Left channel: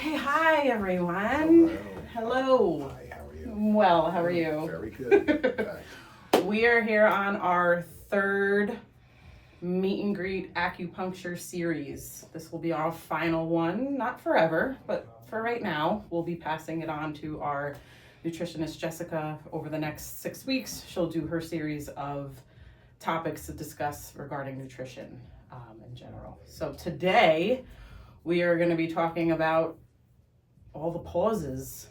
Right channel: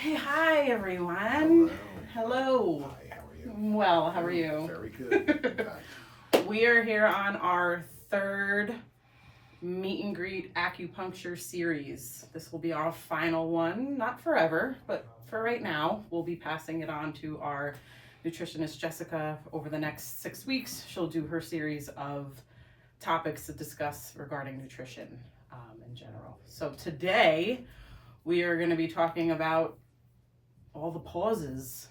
Okay, hi everyone. Hello. Hi, how are you? Well, how are you? Very good. We are here on our third meet and greet acupuncture series. This will be our final one, not forever, but for right now. We'll be passing it on to our nutritionist Jessica over the next 6 weeks. She'll do her series of topics to discuss regarding nutrition in general. So today we are going to be talking about all the pauses.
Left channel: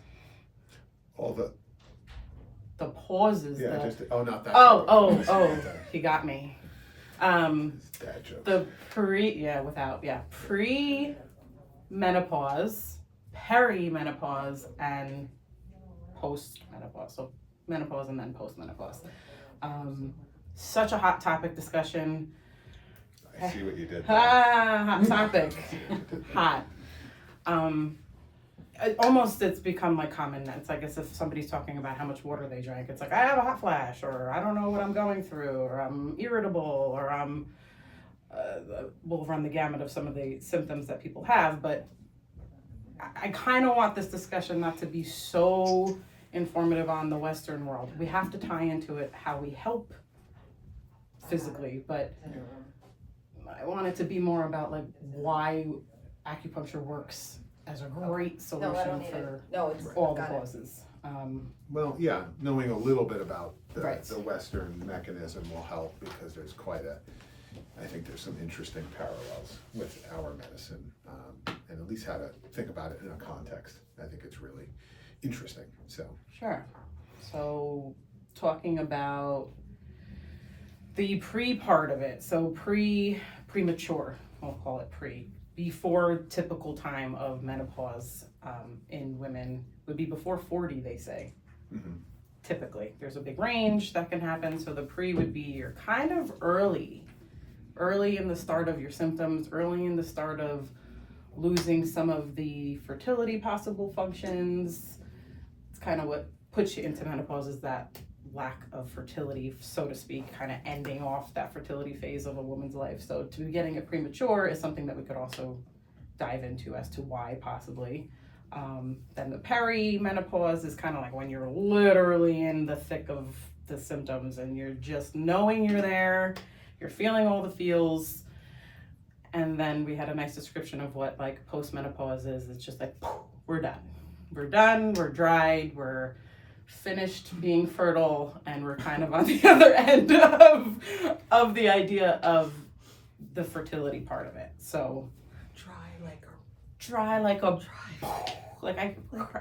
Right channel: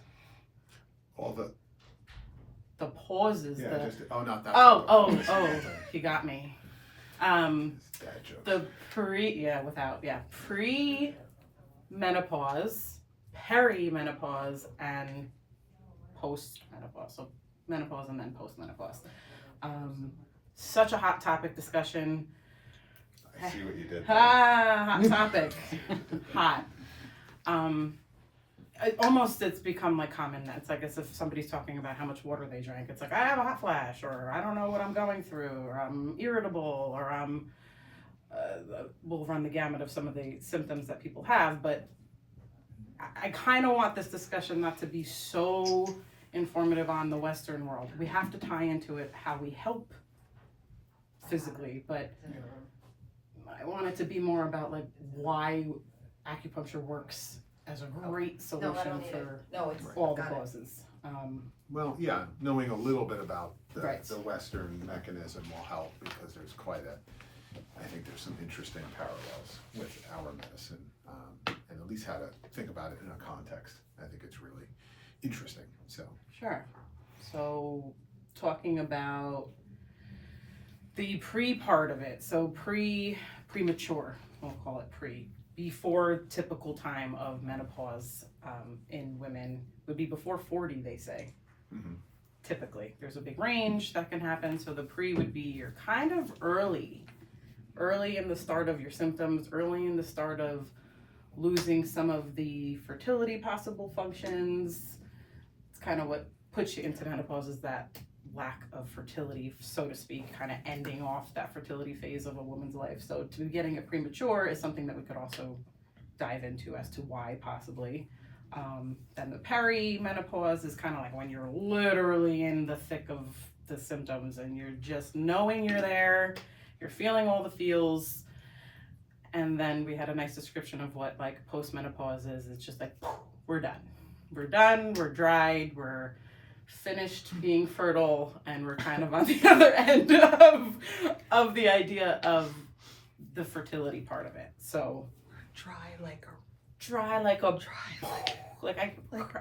All the pauses. yeah, not that. Oh, he got me. Bad joke. The pre-menopause, perimenopause, and post-menopause. So menopause and then post-menopause. Such a hot topic discussion. I see what you did. Hot topic. Hot. It's become like common. It's like as if somebody's talking about how much water they drank. It's like, I have a hot flash, or I don't know what I'm going through, or I'm irritable, or I'm, we'll run the gamut of some of the symptoms that people have, but I kind of want this discussion not to be so informative on the Western world. We have to tie into it how we help physically, but I want it to be more about like why acupuncture works as a great solution for all the causes. Well, yeah, knowing a little bit about Right. the Western mechanism will help because there's I think there's some interesting parallels with our medicine, and at least how to think about it in a context. I think it's really interesting. So Sure. So talking about the pre part of it, so premature, we'll call it before typical time of menopause in women would be before 40, they say. Mm-hmm. Typically, there's a big range that can happen. So the pre would be you're kind of early in the start of your symptoms, early in the start of losing some of the fertility possible functions. It's kind of what puts you into menopause is that lack of fertility, so to speak, kind of ending off that fertility phase of a woman's life. So to be getting it premature is something that we could also dive into as to why possibly. Then the perimenopause is kind of like when you're literally in the thick of the symptoms and you're just knowing you're there, you're feeling all the feels. And then we had a nice description of what like postmenopause is. It's just like, we're done, we're dried, we're finished being fertile, and we're kind of on the other end of the idea of the fertility part of it. So dry like what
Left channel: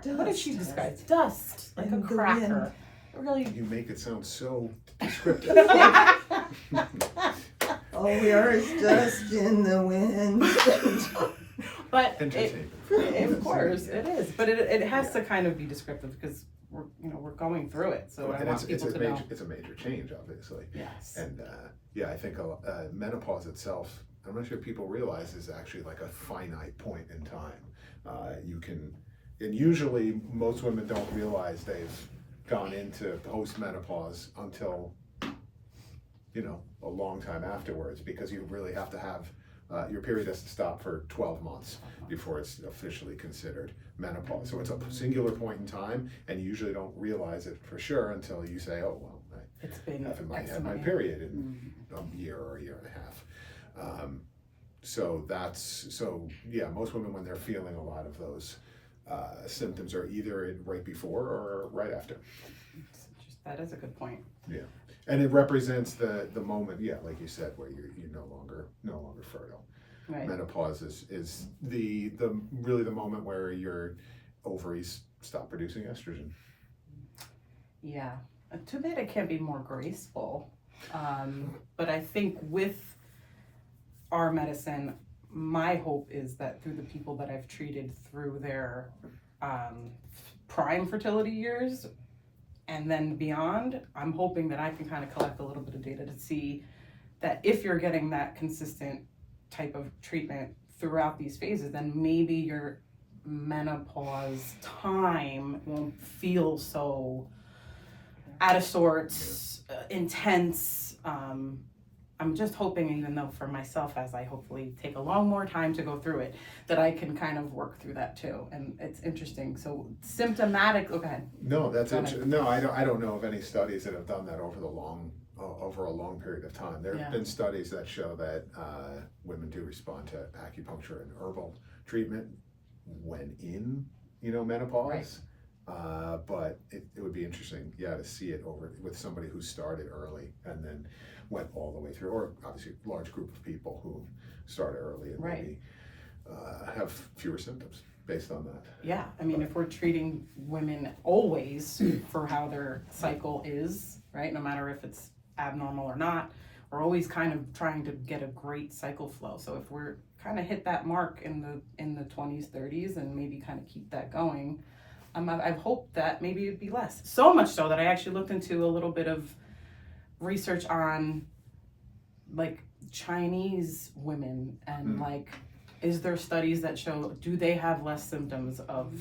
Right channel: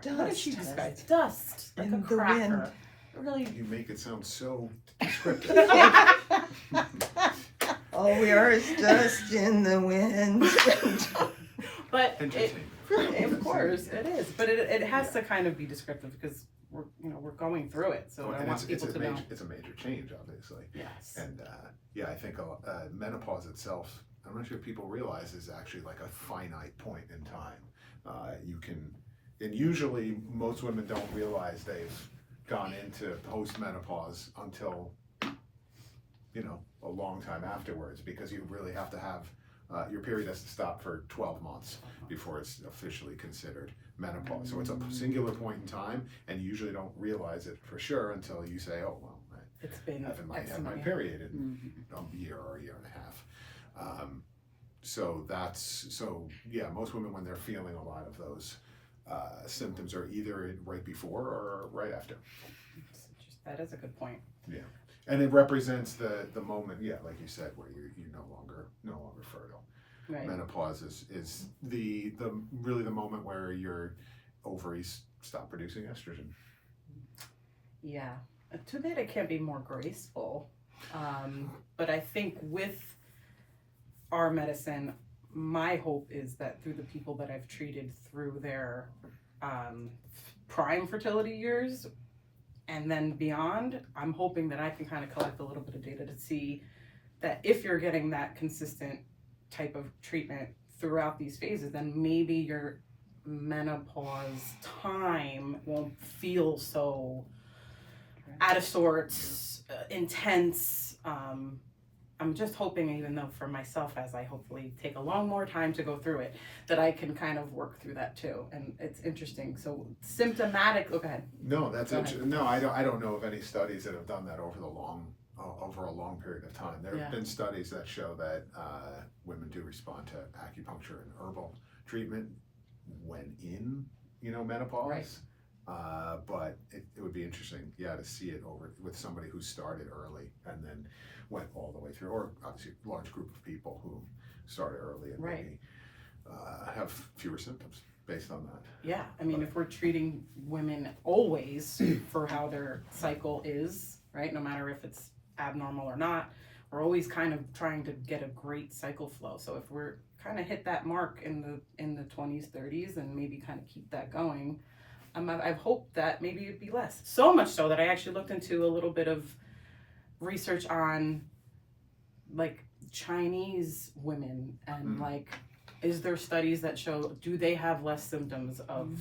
did she describe? Dust, like a cracker. Really, you make it sound so descriptive. All we are is dust in the wind. but Entertainment. of course it is, but it has to kind of be descriptive because we're going through it, so I want people to know. It's a major change, obviously. Yes. And I think menopause itself, I'm not sure people realize, is actually like a finite point in time. And usually most women don't realize they've gone into post-menopause until, a long time afterwards, because you really have to have, your period has to stop for 12 months before it's officially considered menopause. So it's a singular point in time, and you usually don't realize it for sure until you say, oh, well, It's been I had my period in a year or a year and a half. Most women, when they're feeling a lot of those symptoms, are either right before or right after. That is a good point. Yeah, and it represents the moment, like you said, where you're no longer fertile. Right. Menopause is the really the moment where your ovaries stop producing estrogen. Yeah. Too bad it can't be more graceful. But I think with our medicine, my hope is that through the people that I've treated through their prime fertility years and then beyond, I'm hoping that I can kind of collect a little bit of data to see that if you're getting that consistent type of treatment throughout these phases, then maybe your menopause time won't feel so out of sorts, intense, I'm just hoping, even though for myself, as I hopefully take a long more time to go through it, that I can kind of work through that too. And it's interesting. So symptomatic. Go ahead. No, that's Go ahead. interesting. No, I don't know of any studies that have done that over a long period of time. There have been studies that show that women do respond to acupuncture and herbal treatment when in, menopause. Right. But it would be interesting, to see it over with somebody who started early and then went all the way through, or obviously a large group of people who started early and maybe have fewer symptoms based on that. Yeah, I mean, if we're treating women always for how their cycle is, right, no matter if it's abnormal or not, we're always kind of trying to get a great cycle flow. So if we're kind of hit that mark in the 20s, 30s, and maybe kind of keep that going, I've hoped that maybe it'd be less. So much so that I actually looked into a little bit of research on like Chinese women and like, is there studies that show, do they have less symptoms of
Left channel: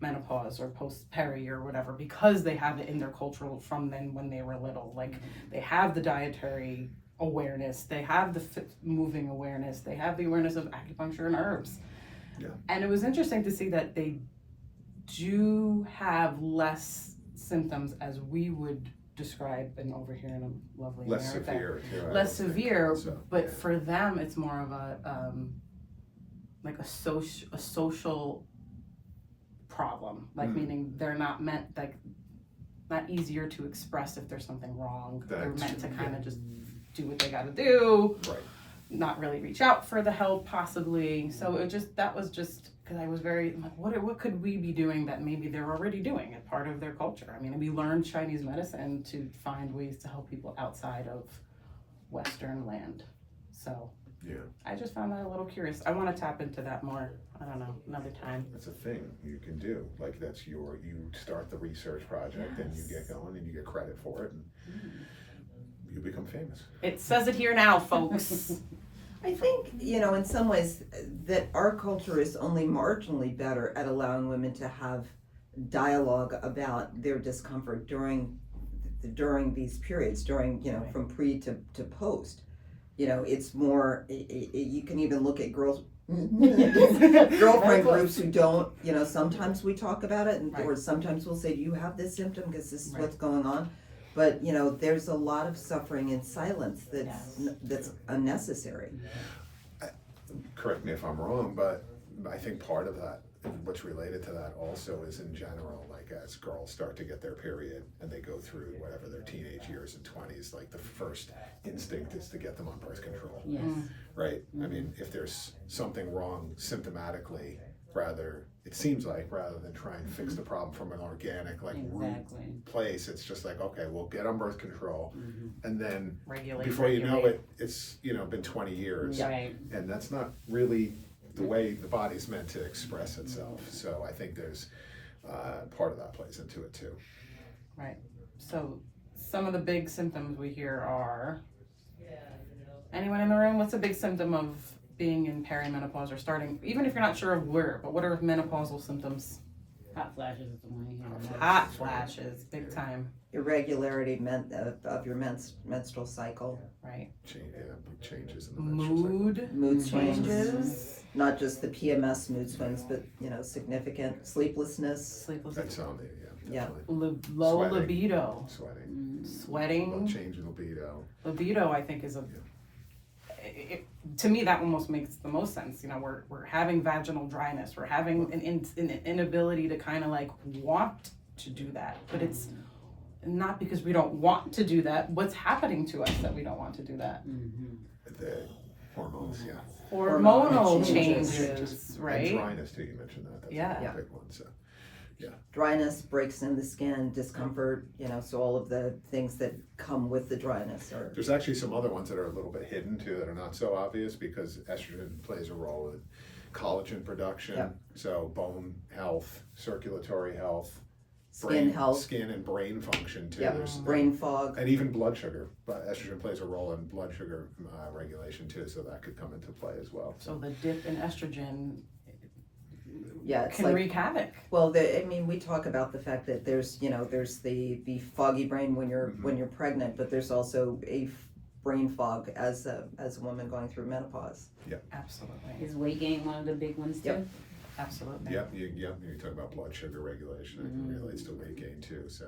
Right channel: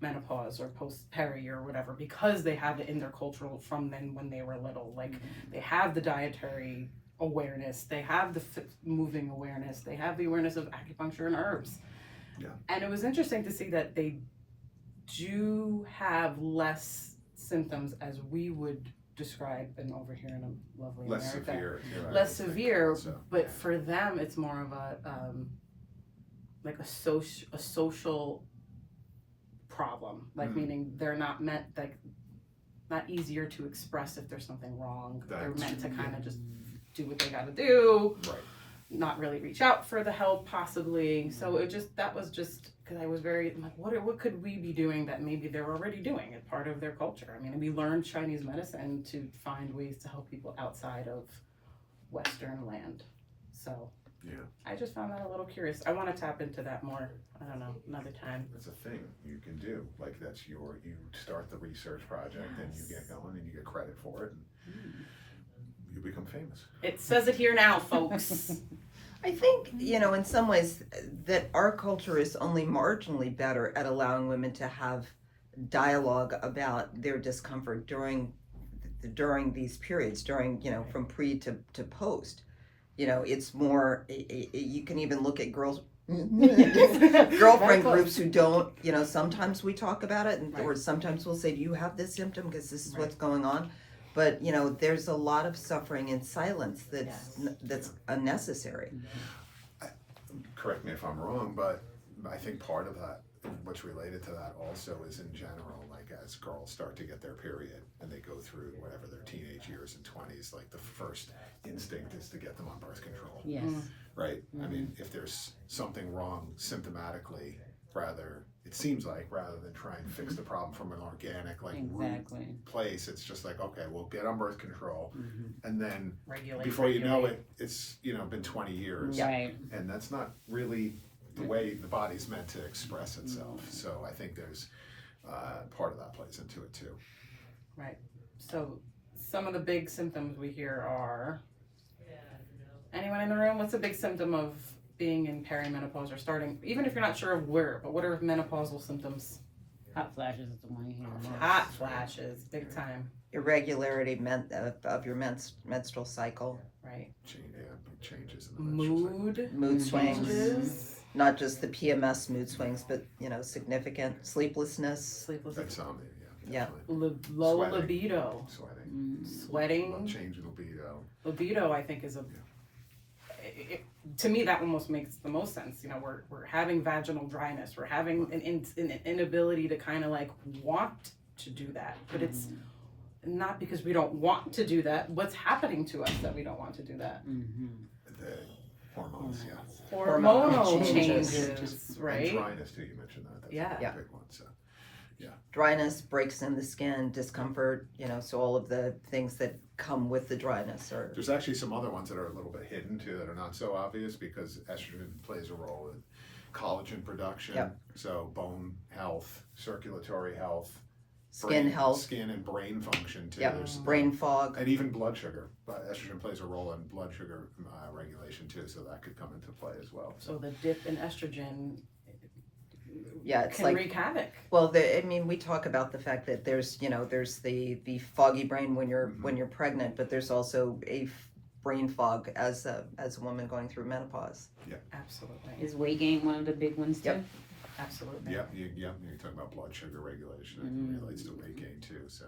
menopause or post-peri or whatever because they have it in their cultural from then when they were little? Like they have the dietary awareness, they have the moving awareness, they have the awareness of acupuncture and herbs. Yeah. And it was interesting to see that they do have less symptoms as we would describe and over here in a lovely Less America. severe. Too, Less severe, so. but for them it's more of a like a social problem, like meaning they're not meant, like not easier to express if there's something wrong. They're meant to kind of just do what they got to do, right. Not really reach out for the help possibly. So that was just because I was very like, what could we be doing that maybe they're already doing it, part of their culture? I mean, we learned Chinese medicine to find ways to help people outside of Western land. So I just found that a little curious. I want to tap into that more. I don't know, another time. That's a thing you can do. Like you start the research project and you get going and you get credit for it and you become famous. It says it here now, folks. I think, in some ways that our culture is only marginally better at allowing women to have dialogue about their discomfort during these periods, from pre to post. It's more, you can even look at girlfriend groups who don't, sometimes we talk about it or sometimes we'll say, do you have this symptom because this is what's going on? But, there's a lot of suffering in silence that's unnecessary. Correct me if I'm wrong, but I think part of that, what's related to that also is in general, like as girls start to get their period and they go through whatever their teenage years and 20s, like the first instinct is to get them on birth control. Yes. Right? I mean, if there's something wrong symptomatically, rather than try and fix the problem from an organic root place, it's just like, okay, we'll get on birth control and then before you know it, it's been 20 years and that's not really the way the body's meant to express itself. So I think there's part of that plays into it too. Right. So some of the big symptoms we hear are, anyone in the room, what's a big symptom of being in perimenopause or starting, even if you're not sure of where, but what are menopausal symptoms? Hot flashes is the one you hear. Hot flashes, big time. Irregularity of your menstrual cycle. Right. Changes in the menstrual cycle. Mood changes. Not just the PMS mood swings, but significant sleeplessness. Insomnia, Yeah. Low libido. Sweating. Change in libido. Libido, I think, is to me, that almost makes the most sense. We're having vaginal dryness. We're having an inability to kind of like want to do that, but it's not because we don't want to do that. What's happening to us that we don't want to do that? The hormones, Hormonal changes, right? And dryness too. You mentioned that. That's a big one. So. Dryness, breaks in the skin, discomfort, so all of the things that come with the dryness. There's actually some other ones that are a little bit hidden too that are not so obvious because estrogen plays a role in collagen production, so bone health, circulatory health, skin health, skin and brain function too. There's brain fog. And even blood sugar, but estrogen plays a role in blood sugar regulation too, so that could come into play as well. So the dip in estrogen it's can wreak havoc. Well, we talk about the fact that there's the foggy brain when you're pregnant, but there's also a brain fog as a woman going through menopause. Absolutely. Is weight gain one of the big ones too? Yep. Absolutely. Yep, you talk about blood sugar regulation, that relates to weight gain too, so.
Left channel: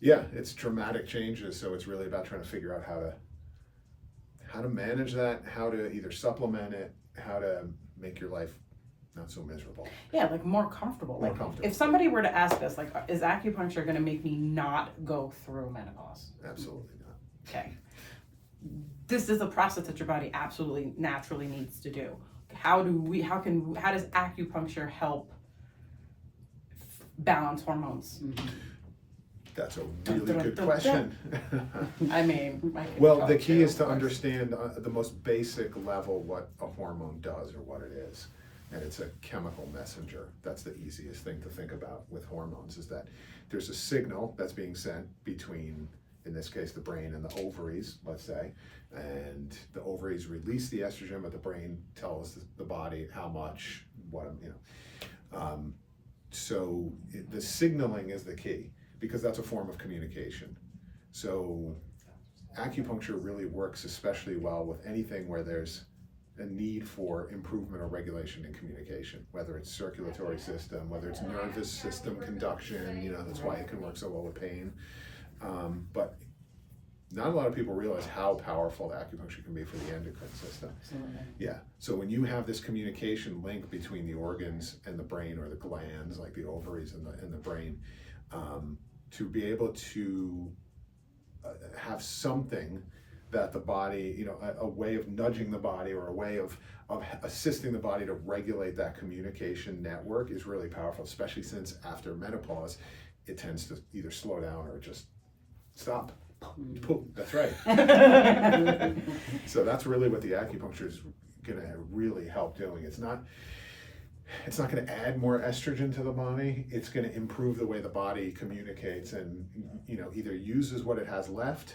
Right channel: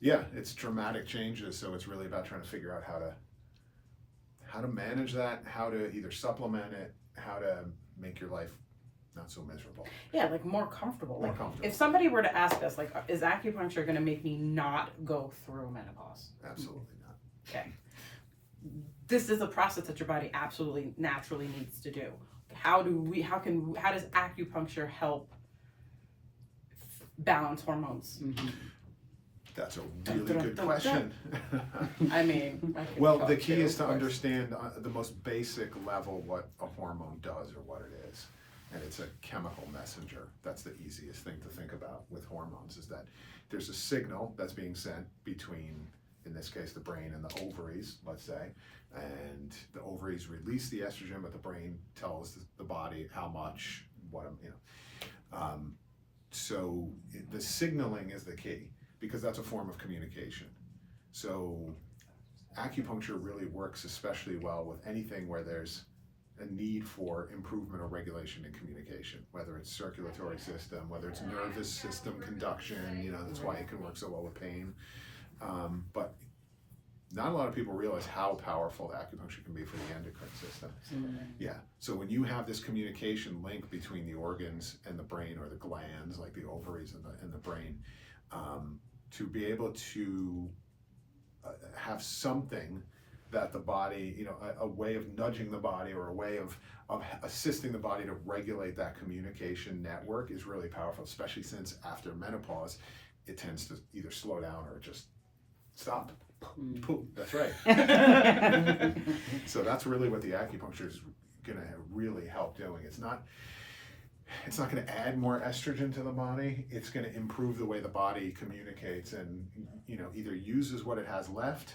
Yeah, it's dramatic changes, so it's really about trying to figure out how to manage that, how to either supplement it, how to make your life not so miserable. Yeah, like more comfortable. More Like comfortable. if somebody were to ask us, like, is acupuncture going to make me not go through menopause? Absolutely not. Okay. This is a process that your body absolutely naturally needs to do. How does acupuncture help balance hormones? That's a really good question. I mean, Well, the key is to understand the most basic level what a hormone does or what it is. And it's a chemical messenger. That's the easiest thing to think about with hormones, is that there's a signal that's being sent between, in this case, the brain and the ovaries, let's say, and the ovaries release the estrogen, but the brain tells the body how much, so the signaling is the key, because that's a form of communication. So acupuncture really works especially well with anything where there's a need for improvement or regulation in communication, whether it's circulatory system, whether it's nervous system conduction, that's why it can work so well with pain. But not a lot of people realize how powerful acupuncture can be for the endocrine system. Absolutely. Yeah, so when you have this communication link between the organs and the brain, or the glands, like the ovaries and the brain, to be able to have something that the body, a way of nudging the body, or a way of assisting the body to regulate that communication network, is really powerful, especially since after menopause, it tends to either slow down or just stop. Poof, that's right. So that's really what the acupuncture is going to really help doing. It's not going to add more estrogen to the body. It's going to improve the way the body communicates and, either uses what it has left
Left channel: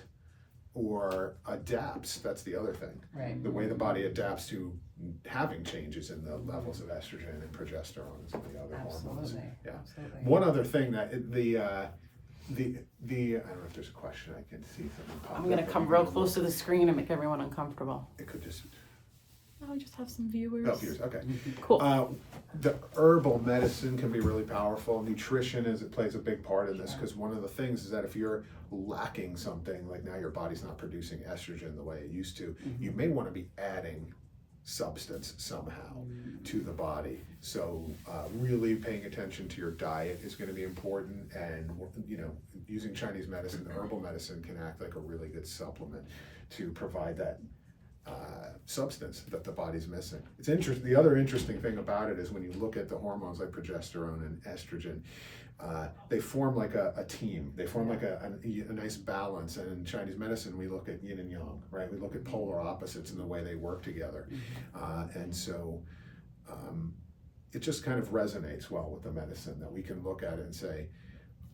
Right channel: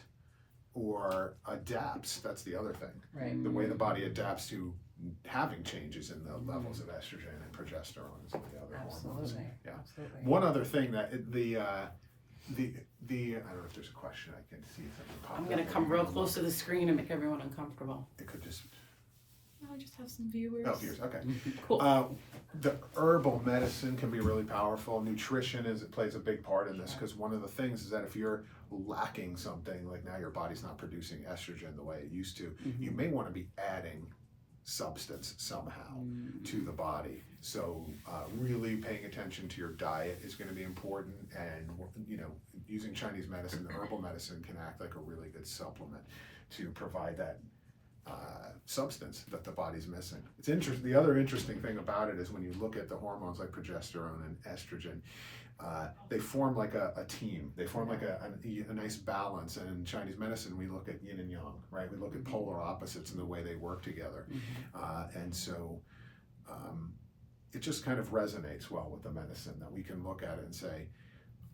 or adapts. That's the other thing. Right. The way the body adapts to having changes in the levels of estrogen and progesterone and some of the other hormones. Absolutely. Yeah. Absolutely. One other thing that the I don't know if there's a question. I can see something pop up. I'm gonna come real close to the screen and make everyone uncomfortable. It could just. I just have some viewers. Oh, viewers. Okay. Cool. The herbal medicine can be really powerful. Nutrition plays a big part in this, because one of the things is that if you're lacking something, like now your body's not producing estrogen the way it used to, you may want to be adding substance somehow to the body. So really paying attention to your diet is going to be important, and using Chinese medicine, herbal medicine, can act like a really good supplement to provide that substance that the body's missing. It's interesting. The other interesting thing about it is when you look at the hormones like progesterone and estrogen, they form like a team. They form like a nice balance. And in Chinese medicine, we look at yin and yang, right? We look at polar opposites and the way they work together. And so it just kind of resonates well with the medicine, that we can look at it and say,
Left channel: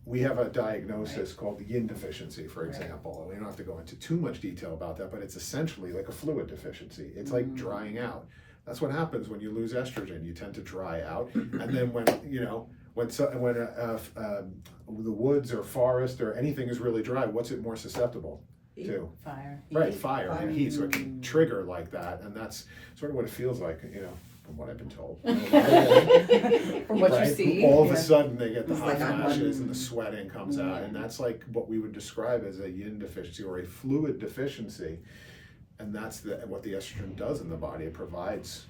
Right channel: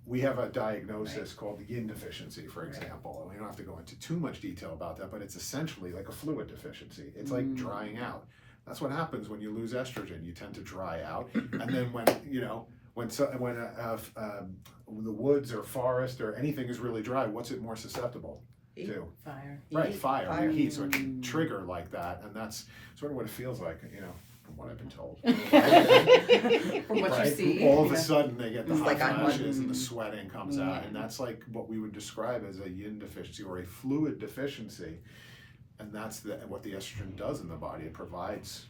we have a diagnosis called yin deficiency, for example. We don't have to go into too much detail about that, but it's essentially like a fluid deficiency. It's like drying out. That's what happens when you lose estrogen. You tend to dry out, and then when the woods or forest or anything is really dry, what's it more susceptible to? Fire. Right, fire and heat. So it can trigger like that, and that's sort of what it feels like, from what I've been told. From what you see. All of a sudden they get the It's hot like I'm flashes and the sweating comes out, and that's like what we would describe as a yin deficiency or a fluid deficiency, and that's what the estrogen does in the body. It provides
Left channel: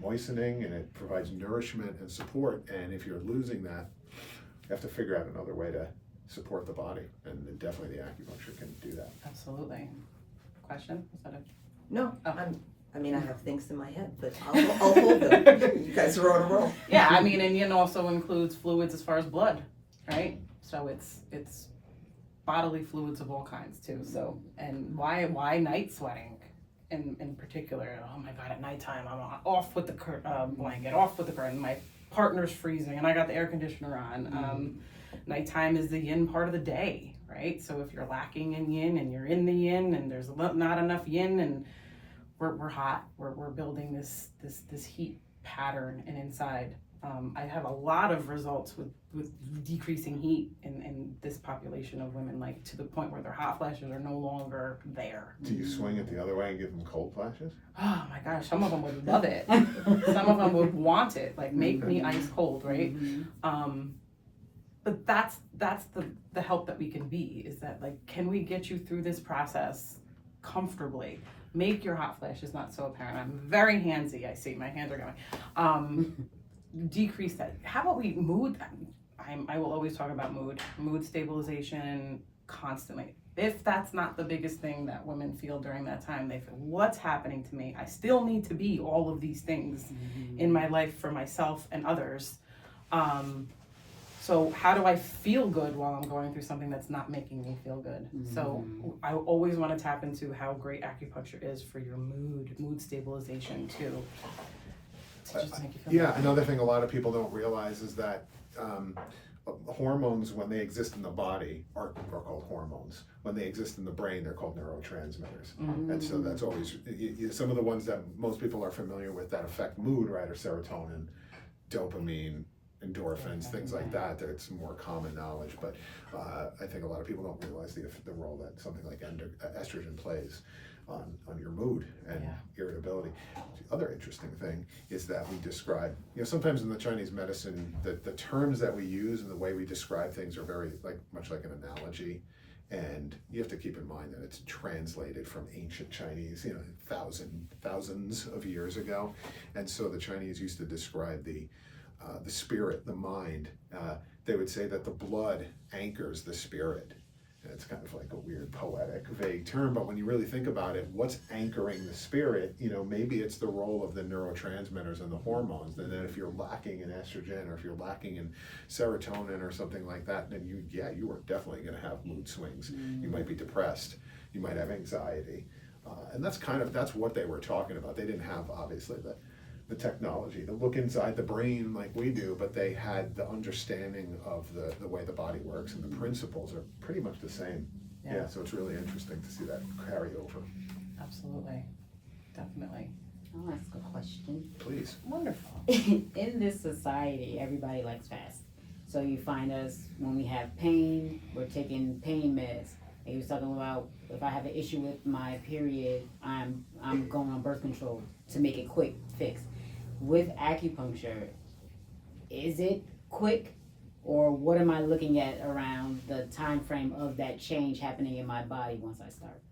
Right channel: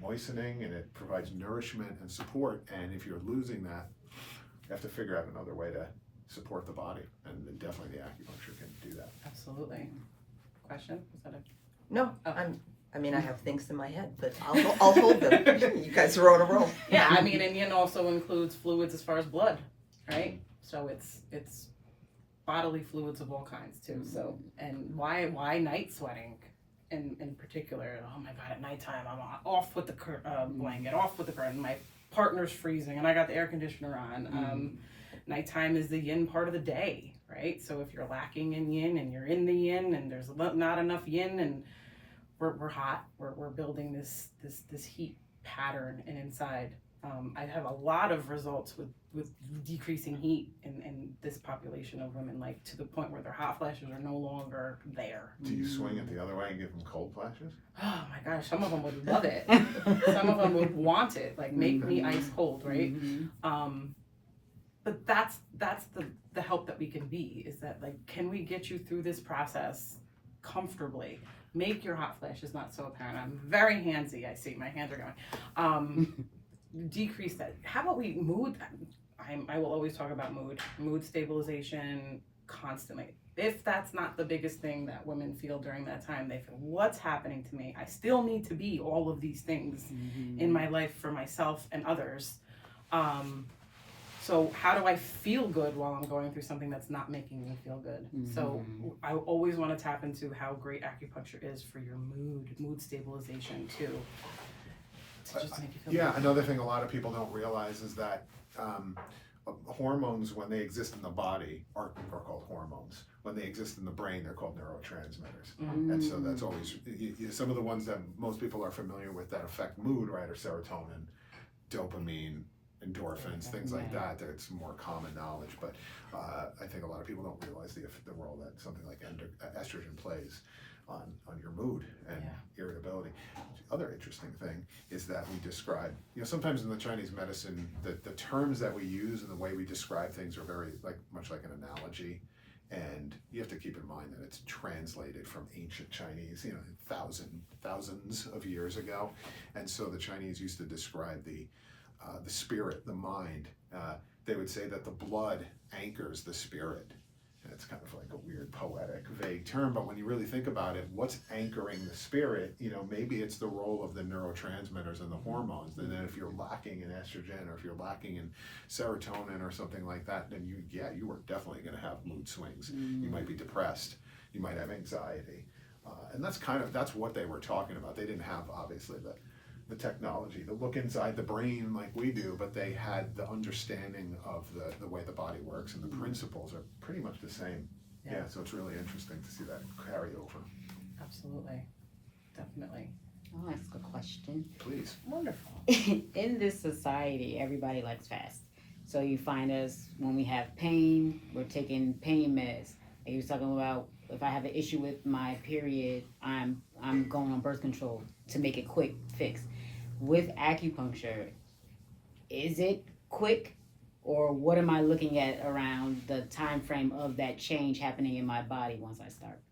moistening and it provides nourishment and support, and if you're losing that, you have to figure out another way to support the body, and definitely the acupuncture can do that. Absolutely. Question? Was that No, Oh. I have things in my head, but I'll hold them. You guys are on a roll. Yeah, I mean, and yin also includes fluids as far as blood, right? So it's bodily fluids of all kinds too. So, and why night sweating in particular? Oh my God, at nighttime I'm off with the blanket, off with the curtain. My partner's freezing, and I got the air conditioner on. Nighttime is the yin part of the day, right? So if you're lacking in yin and you're in the yin, and there's not enough yin, and we're hot, we're building this heat pattern and inside, I have a lot of results with decreasing heat in this population of women, like to the point where their hot flashes are no longer there. Do you swing it the other way and give them cold flashes? Oh my gosh, some of them would love it. Some of them would want it, like make me ice cold, right? But that's the help that we can be, is that like, can we get you through this process comfortably? Make your hot flashes not so apparent. I'm very handsy, I see my hands are going. Decrease that. How about we mood? I will always talk about mood stabilization constantly. If that's not the biggest thing that women feel during that time, they feel, what's happening to me? I still need to be all of these things in my life for myself and others. So how do I feel good while I'm going through something that's not making me feel good? So I always want to tap into how great acupuncture is for your mood stabilization too. To just make you feel Yeah, good. another thing a lot of people don't realize is that hormones, when they exist in the body, are called hormones. When they exist in the brain, they're called neurotransmitters. And so that's always, some of the ones that most people are familiar with that affect mood, right, are serotonin, dopamine, endorphins, things like that. It's more common knowledge, but I think a lot of people don't realize the role that something like estrogen plays on your mood and irritability. The other interesting thing is that we describe, sometimes in the Chinese medicine, the terms that we use and the way we describe things are very much like an analogy. And you have to keep in mind that it's translated from ancient Chinese, thousands of years ago. And so the Chinese used to describe the spirit, the mind. They would say that the blood anchors the spirit. And it's kind of like a weird, poetic, vague term, but when you really think about it, what's anchoring the spirit? Maybe it's the role of the neurotransmitters and the hormones. And then if you're lacking in estrogen, or if you're lacking in serotonin or something like that, then you are definitely going to have mood swings. You might be depressed. You might have anxiety. And that's what they were talking about. They didn't have, obviously, the technology to look inside the brain like we do, but they had the understanding of the way the body works, and the principles are pretty much the same. Yeah, so it's really interesting to see that carry over. Absolutely, definitely. I'll ask a question. Please. Wonderful. In this society, everybody likes fast. So you find us when we have pain, we're taking pain meds. They were talking about, if I have an issue with my period, I'm going on birth control to make it quick fix. With acupuncture, is it quick, or what am I looking at around the time frame of that change happening in my body once I start?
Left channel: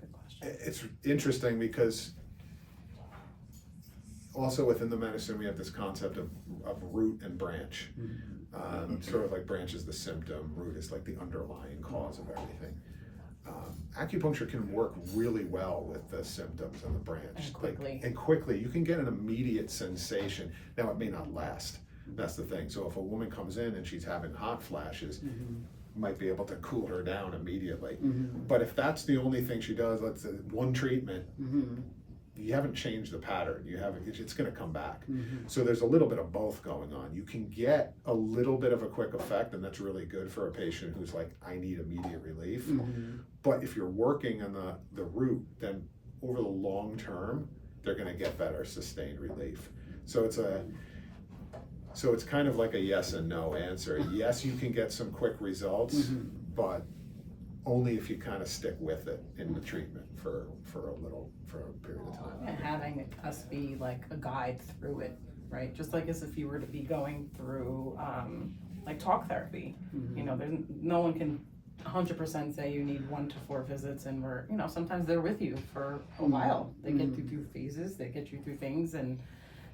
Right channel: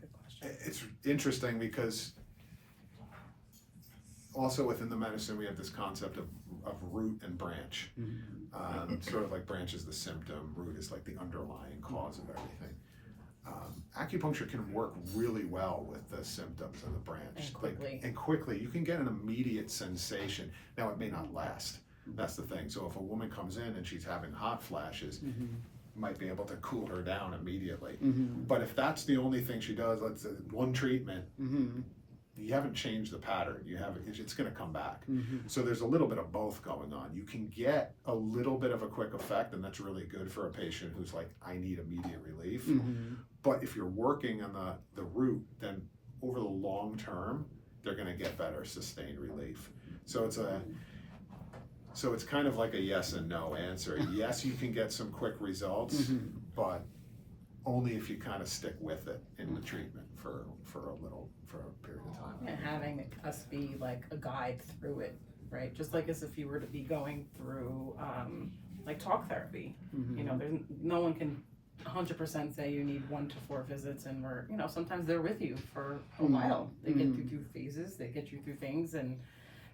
Good question. It's interesting because also within the medicine we have this concept of root and branch. Sort of like branch is the symptom, root is like the underlying cause of everything. Acupuncture can work really well with the symptoms and the branch. And quickly. You can get an immediate sensation. Now, it may not last. That's the thing. So if a woman comes in and she's having hot flashes, might be able to cool her down immediately. But if that's the only thing she does, let's say one treatment, you haven't changed the pattern. It's going to come back. So there's a little bit of both going on. You can get a little bit of a quick effect, and that's really good for a patient who's like, I need immediate relief. But if you're working on the root, then over the long term, they're going to get better sustained relief. So it's kind of like a yes and no answer. Yes, you can get some quick results, but only if you kind of stick with it in the treatment for a period of time. And having us be like a guide through it, right? Just like as if you were to be going through like talk therapy. There's no one can 100% say you need 1 to 4 visits, and sometimes they're with you for a while. They get you through phases, they get you through things, and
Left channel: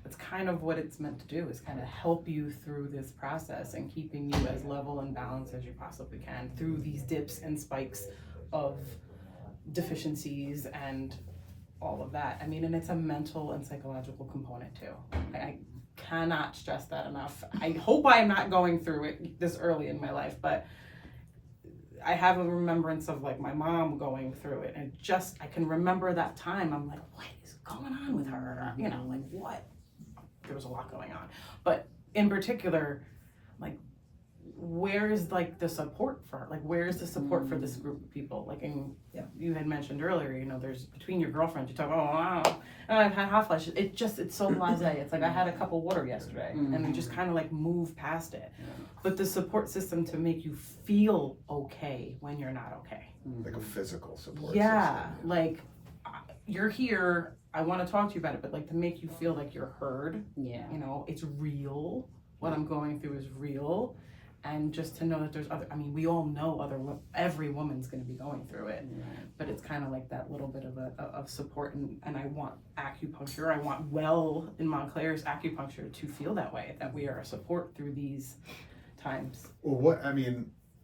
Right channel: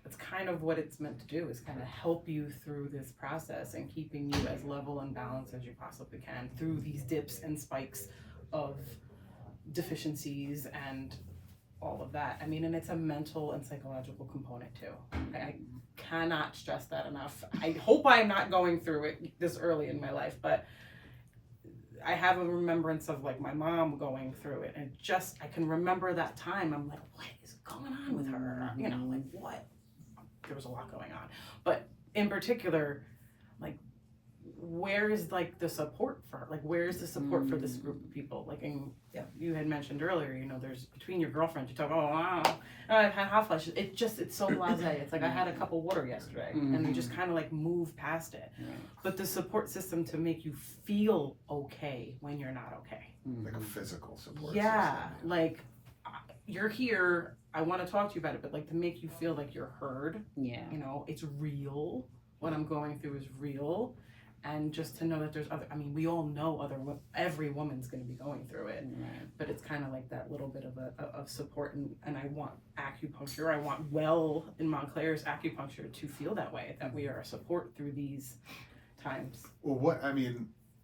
that's kind of what it's meant to do, is kind of help you through this process and keeping you as level and balanced as you possibly can through these dips and spikes of deficiencies and all of that. I mean, and it's a mental and psychological component too. I cannot stress that enough. I hope I'm not going through it this early in my life, but I have a remembrance of like my mom going through it, and I can remember that time. I'm like, what is going on with her? Like what? There was a lot going on, but in particular, like where is like the support for, like, where is the support for this group of people? Like, and Yeah. you had mentioned earlier, you know, there's between your girlfriends, you talk, oh, wow, I've had hot flashes. It's so blasé. It's like, I had a cup of water yesterday, and we just kind of like move past it. But the support system to make you feel okay when you're not okay. Like a physical support Yeah, system. like, you're here, I want to talk to you about it, but like to make you feel like you're heard, Yeah. you know, it's real. What I'm going through is real. And just to know that there's other, I mean, we all know every woman's going to be going through it, but it's kind of like that little bit of support. And I want acupuncture, I want In Montclair's acupuncture to feel that way, that we are a support through these times. Well,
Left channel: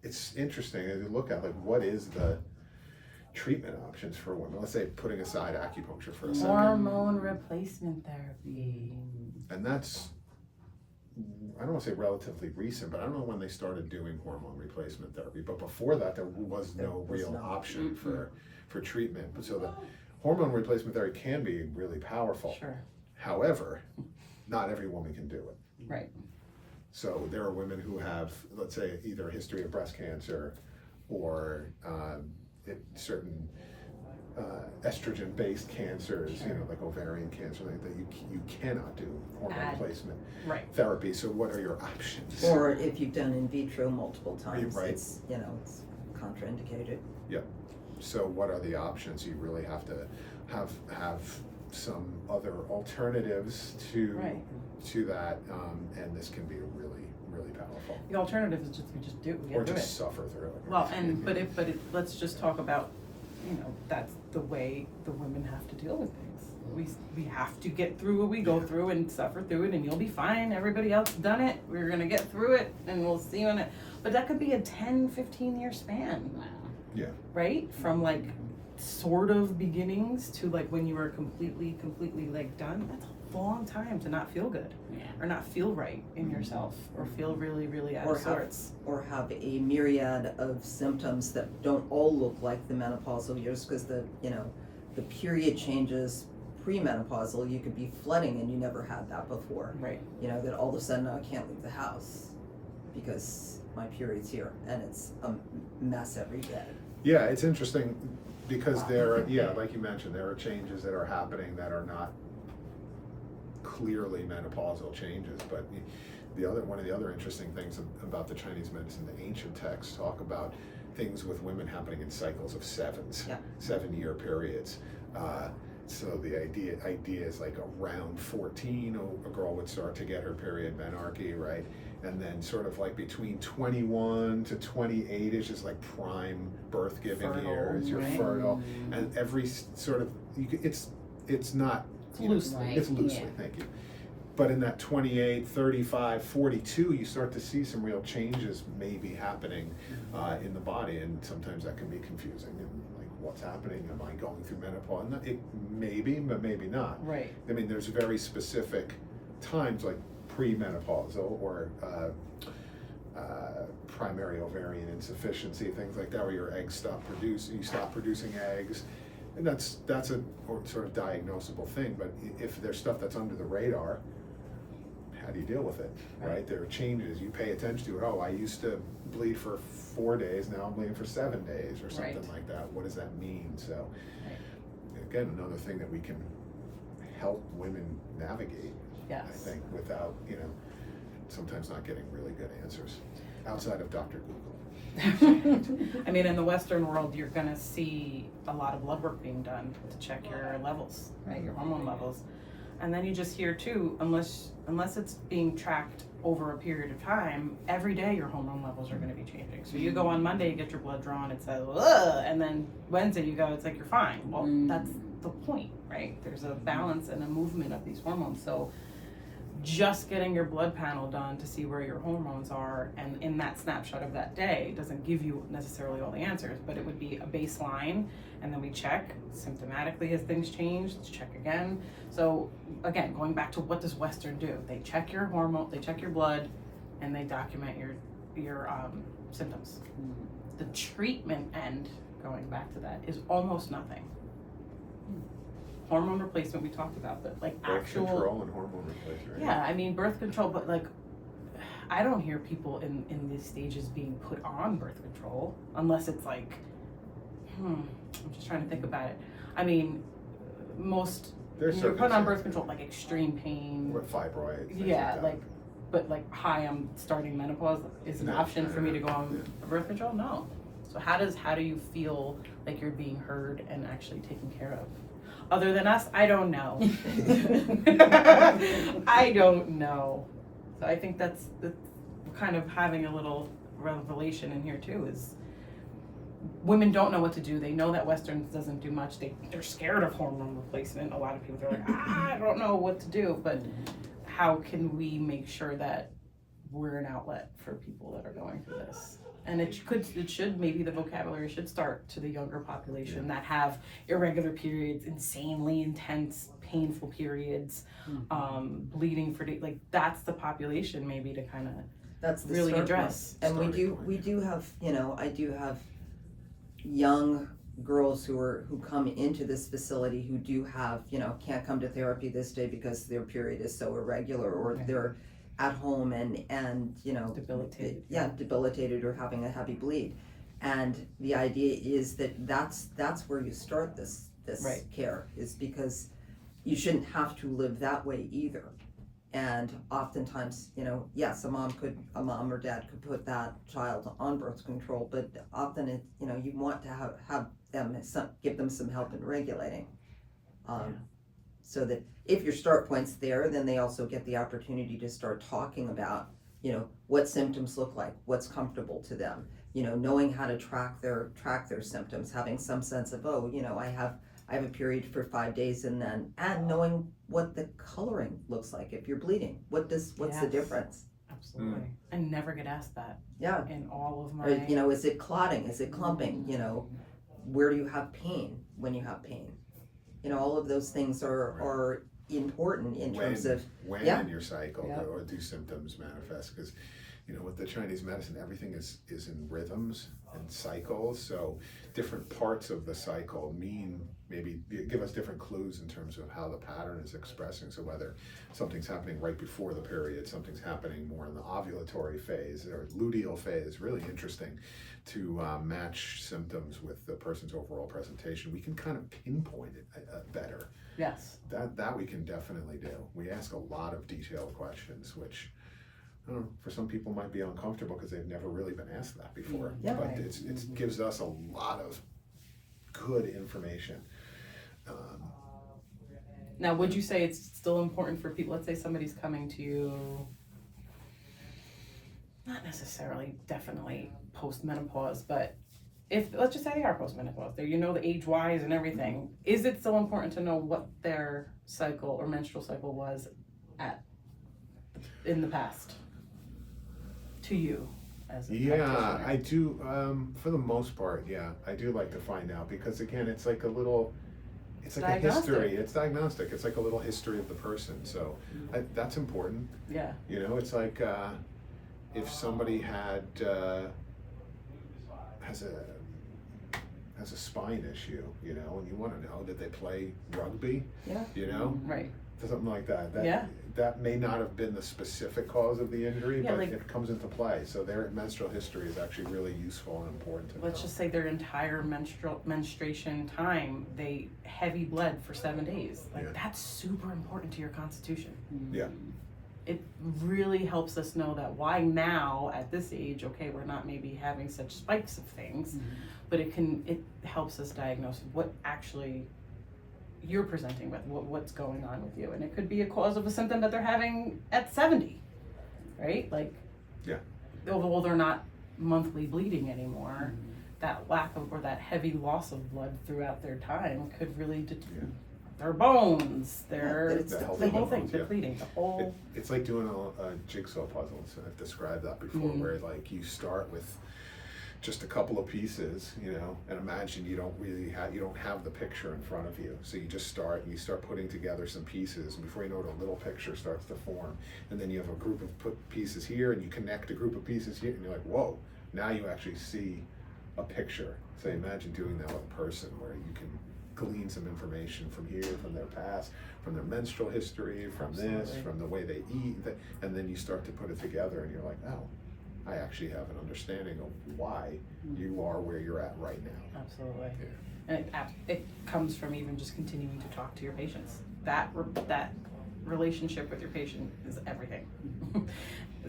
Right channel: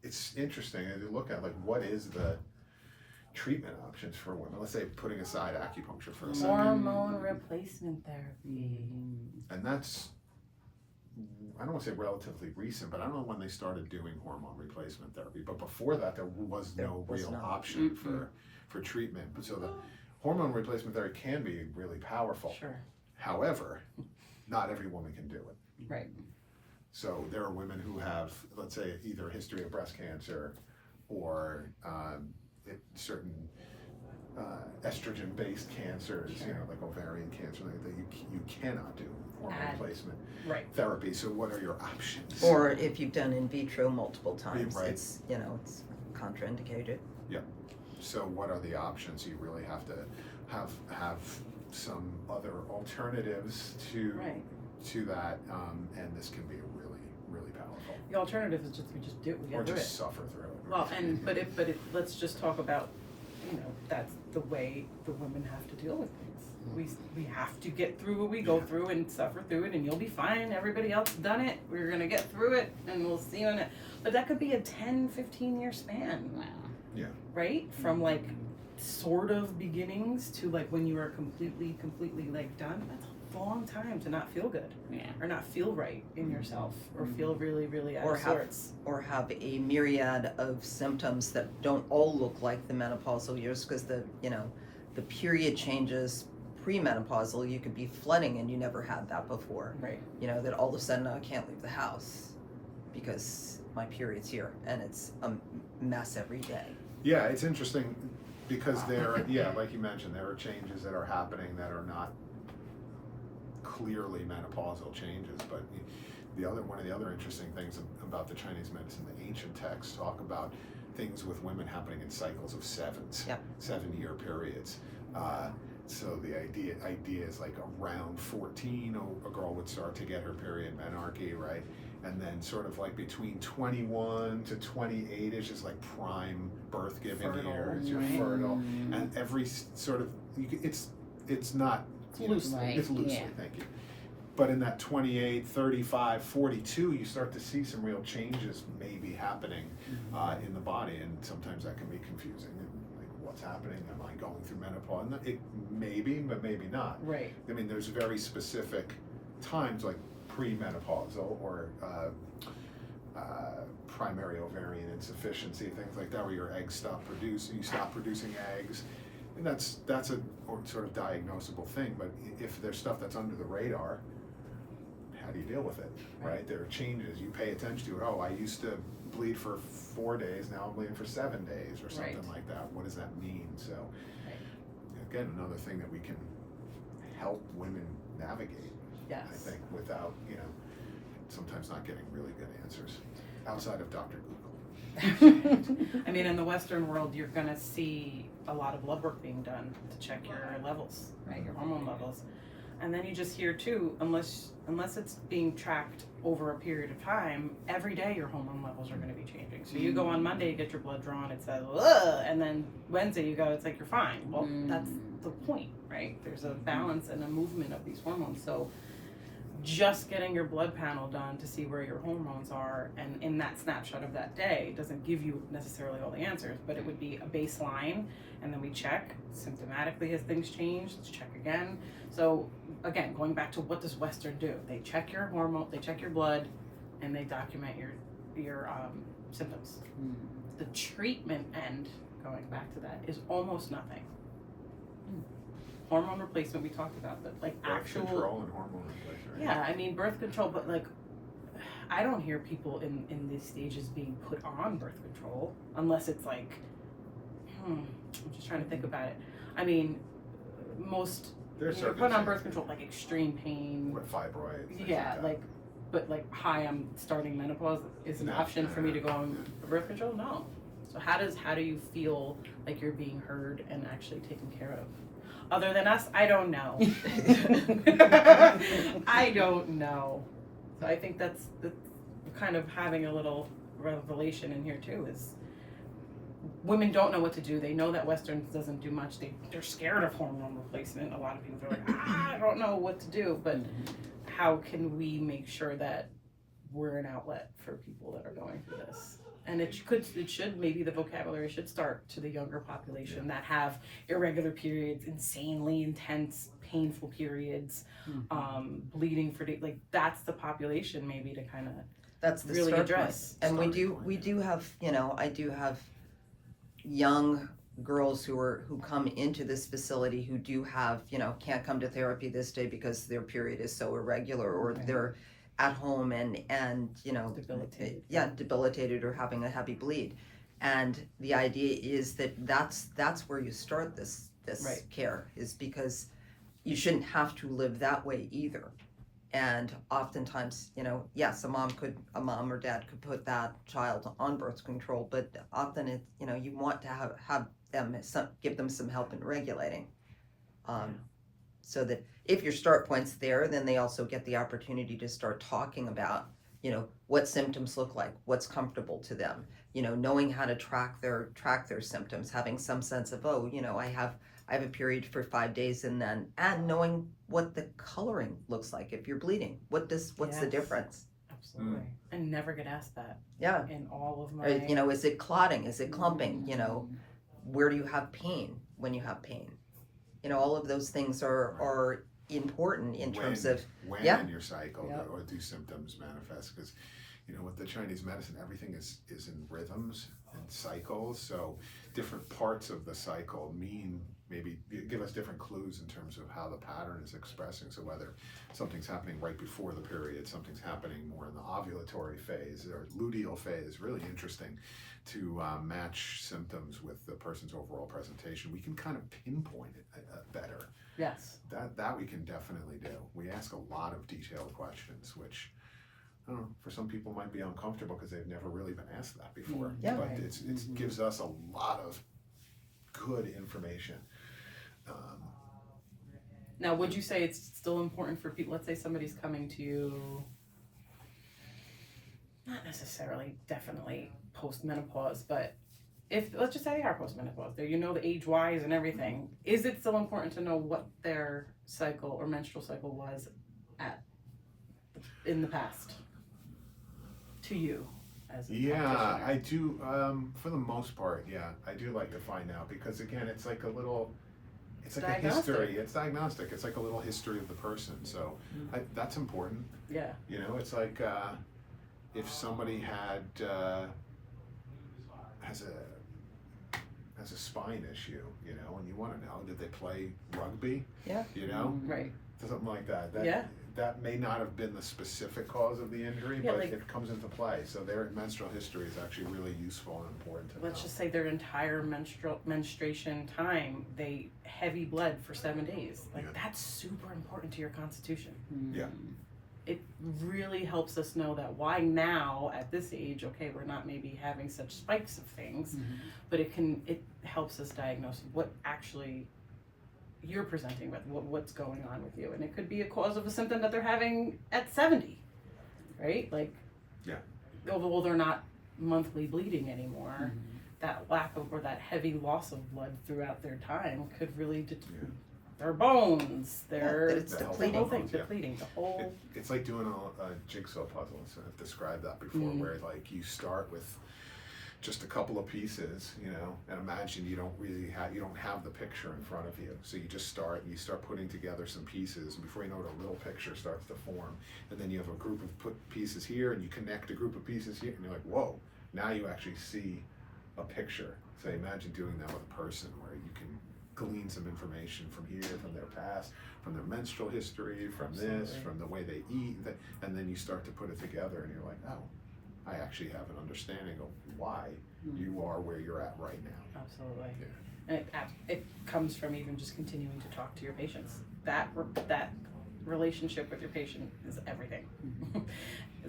it's interesting as you look at, like, what is the treatment options for women? Let's say, putting aside acupuncture for a second. Hormone replacement therapy. And that's, I don't want to say relatively recent, but I don't know when they started doing hormone replacement therapy. But before that, there was no real option for treatment. But so the hormone replacement therapy can be really powerful. Sure. However, not every woman can do it. Right. So there are women who have, let's say, either a history of breast cancer or certain estrogen-based cancers, you know, like ovarian cancer, like that you cannot do hormone replacement therapy. So what are your options? Or if you've done in vitro multiple times, Right. it's, you know, it's contraindicated. Yep. So what are the options? You really have to have some other alternatives to that, and this can be really, really powerful. The alternative is we just do it. Or just suffer through it. Well, but let's just talk about, you know, that's the way the women have to deal with things. We have to get through what we go through and suffer through it, and you'll be fine. Everybody else done it. We're gonna get through it, and we'll see you in it. But that could be a 10, 15-year span. Yeah. Right? From like sort of beginnings to like when you are completely like done. That's a long time to not feel good. Or not feel right in yourself, or feel really, really out of sorts. Or have a myriad of symptoms that don't all look like the menopausal years, because the period changes premenopausal. You could be flooding and you never had that before. Right. You know, that all of a sudden I can't leave the house because my period's here, and it's a mess every day. Yeah, it's interesting because like you mentioned, there are changes that are happening that are not clearly menopausal changes, but one of the other interesting things about the Chinese medicine, the ancient texts talk about things with women happening in cycles of 7-year periods. So the idea is like around 14, a girl would start to get her period, menarche, right? And then sort of like between 21 to 28-ish is like prime birth-giving years. You're fertile, and every sort of it's not. It's loosely, thank you. But in that 28, 35, 42, you start to see some real changes maybe happening in the body, and sometimes that can be confusing. And like, what's happening? Am I going through menopause? And it maybe, but maybe not. Right. I mean, there's very specific times like premenopausal or primary ovarian insufficiency, things like that, where your eggs stop producing eggs. And that's a sort of diagnosable thing, but if there's stuff that's under the radar, how do you deal with it, right? There are changes, you pay attention to it. Oh, I used to bleed for 4 days, now I'm bleeding for 7 days or something like that. What does that mean? So again, another thing that we can help women navigate, I think, without, sometimes not getting really good answers outside of Dr. Google. I mean, in the Western world, you're going to see a lot of blood work being done to check your levels, right? Your hormone levels. And then you just hear too, unless it's being tracked over a period of time, every day your hormone levels are going to be changing. So you go on Monday, you get your blood drawn, it says, ugh, and then Wednesday you go, it's like, you're fine. Well, that's the point, right? There's a balance and a movement of these hormones. So just getting your blood panel done to see where your hormones are, and in that snapshot of that day, doesn't give you necessarily all the answers, but it would be a baseline, and then we check symptomatically, has things changed? Let's check again. So again, going back to what does Western do? They check your hormone, they check your blood, and they document your symptoms. The treatment end, going back to that, is almost nothing. Hormone replacement we talked about, but like Birth actual control and hormone replacement. Yeah, I mean birth control, but like I don't hear people in these stages being put on birth control unless it's like, I'm just trying to think about it. I mean, most you're put on birth control like extreme pain with fibroids. Yeah, but hi, I'm starting menopause is an option for me to go on birth control. No. So how do you feel like you're being heard and actually taken care of? Other than us, I don't know. I don't know. So I think that's kind of having a little revelation in here too, is women don't know what to do. They know that Western doesn't do much. They're scared of hormone replacement. A lot of people are like, I don't know what to do. But how can we make sure that we're an outlet for people that are going through this? And it should maybe the vocabulary should start to the younger population that have irregular periods, insanely intense, painful periods, bleeding for days. Like that's the population maybe to kind of that's the really start address. point. And we do have, I do have young girls who come into this facility who do have, can't come to therapy this day because their period is so irregular, or they're at home and debilitated or having a heavy bleed. And the idea is that's where you start this care, is because you shouldn't have to live that way either. And oftentimes, yes, a mom or dad could put that child on birth control, but often it, you want to have them give them some help in regulating, so that if your start point's there, then they also get the opportunity to start talking about, what symptoms look like, what's comfortable to them, knowing how to track their symptoms, having some sense of, I have a period for 5 days, and knowing what the coloring looks like if you're bleeding. What's the difference? Absolutely. I never get asked that. Yeah. In all of my. Is it clotting? Is it clumping? Where do you have pain when you have pain? All of those things are important in terms of when in your cycle or do symptoms manifest, because with the Chinese medicine, everything is in rhythms and cycles, so different parts of the cycle maybe give us different clues in terms of how the pattern is expressing. So whether something's happening right before the period, something's happening more in the ovulatory phase or luteal phase, really interesting to match symptoms with the person's overall presentation. We can kind of pinpoint it better. Yes. That we can definitely do. We ask a lot of detailed questions, which I don't know, for some people might be uncomfortable because they've never really been asked that before. Yeah. But it gives us a lot of good information. Now, would you say it's still important for people, let's say somebody's coming to you, not necessarily definitely post-menopause, but let's just say they are post-menopause, they the age-wise and everything, is it still important to know what their cycle or menstrual cycle was in the past to you as a practitioner? I do, for the most part, I do like to find out, because again, it's like it's like a history, it's diagnostic, it's like a little history of the person, so that's important. It's like if somebody has a spine issue, and you want to know, did they play rugby? Right. Something like that. That may not have been the specific cause of the injury, but it comes into play. So their menstrual history is actually really useful and important to know. Let's just say their entire menstruation time, they heavy bled for 7 days. That's super important to your constitution. Yeah. It really helps us know that why now at this age, we're not maybe having such spikes of things, but it helps us diagnose what actually you're presenting with, what's going on with you. And it could be a cause of a symptom that they're having at 70, right? Although they're not monthly bleeding anymore, that lack of, or that heavy loss of blood throughout their time could really their bones, depleting the whole. It's like doing a jigsaw puzzle. So I've described that before, where you start with just a couple of pieces, and imagine you don't have the picture in front of you. So you just start putting together some pieces, and before you know it, a little picture starts to form. And then you have a group of pieces here, and you connect a group of pieces here, and you're like, whoa, now you actually see a picture. So imagine doing that with a person, where you can glean some information from here, from their past, from their menstrual history, from this, Absolutely. from the way they eat, and then you start to put it together and you're like, oh, I actually have an understanding of why you are where you're at right now. Absolutely. Yeah. And it comes from even just continuing to talk to your patients. That relationship with your patient is everything.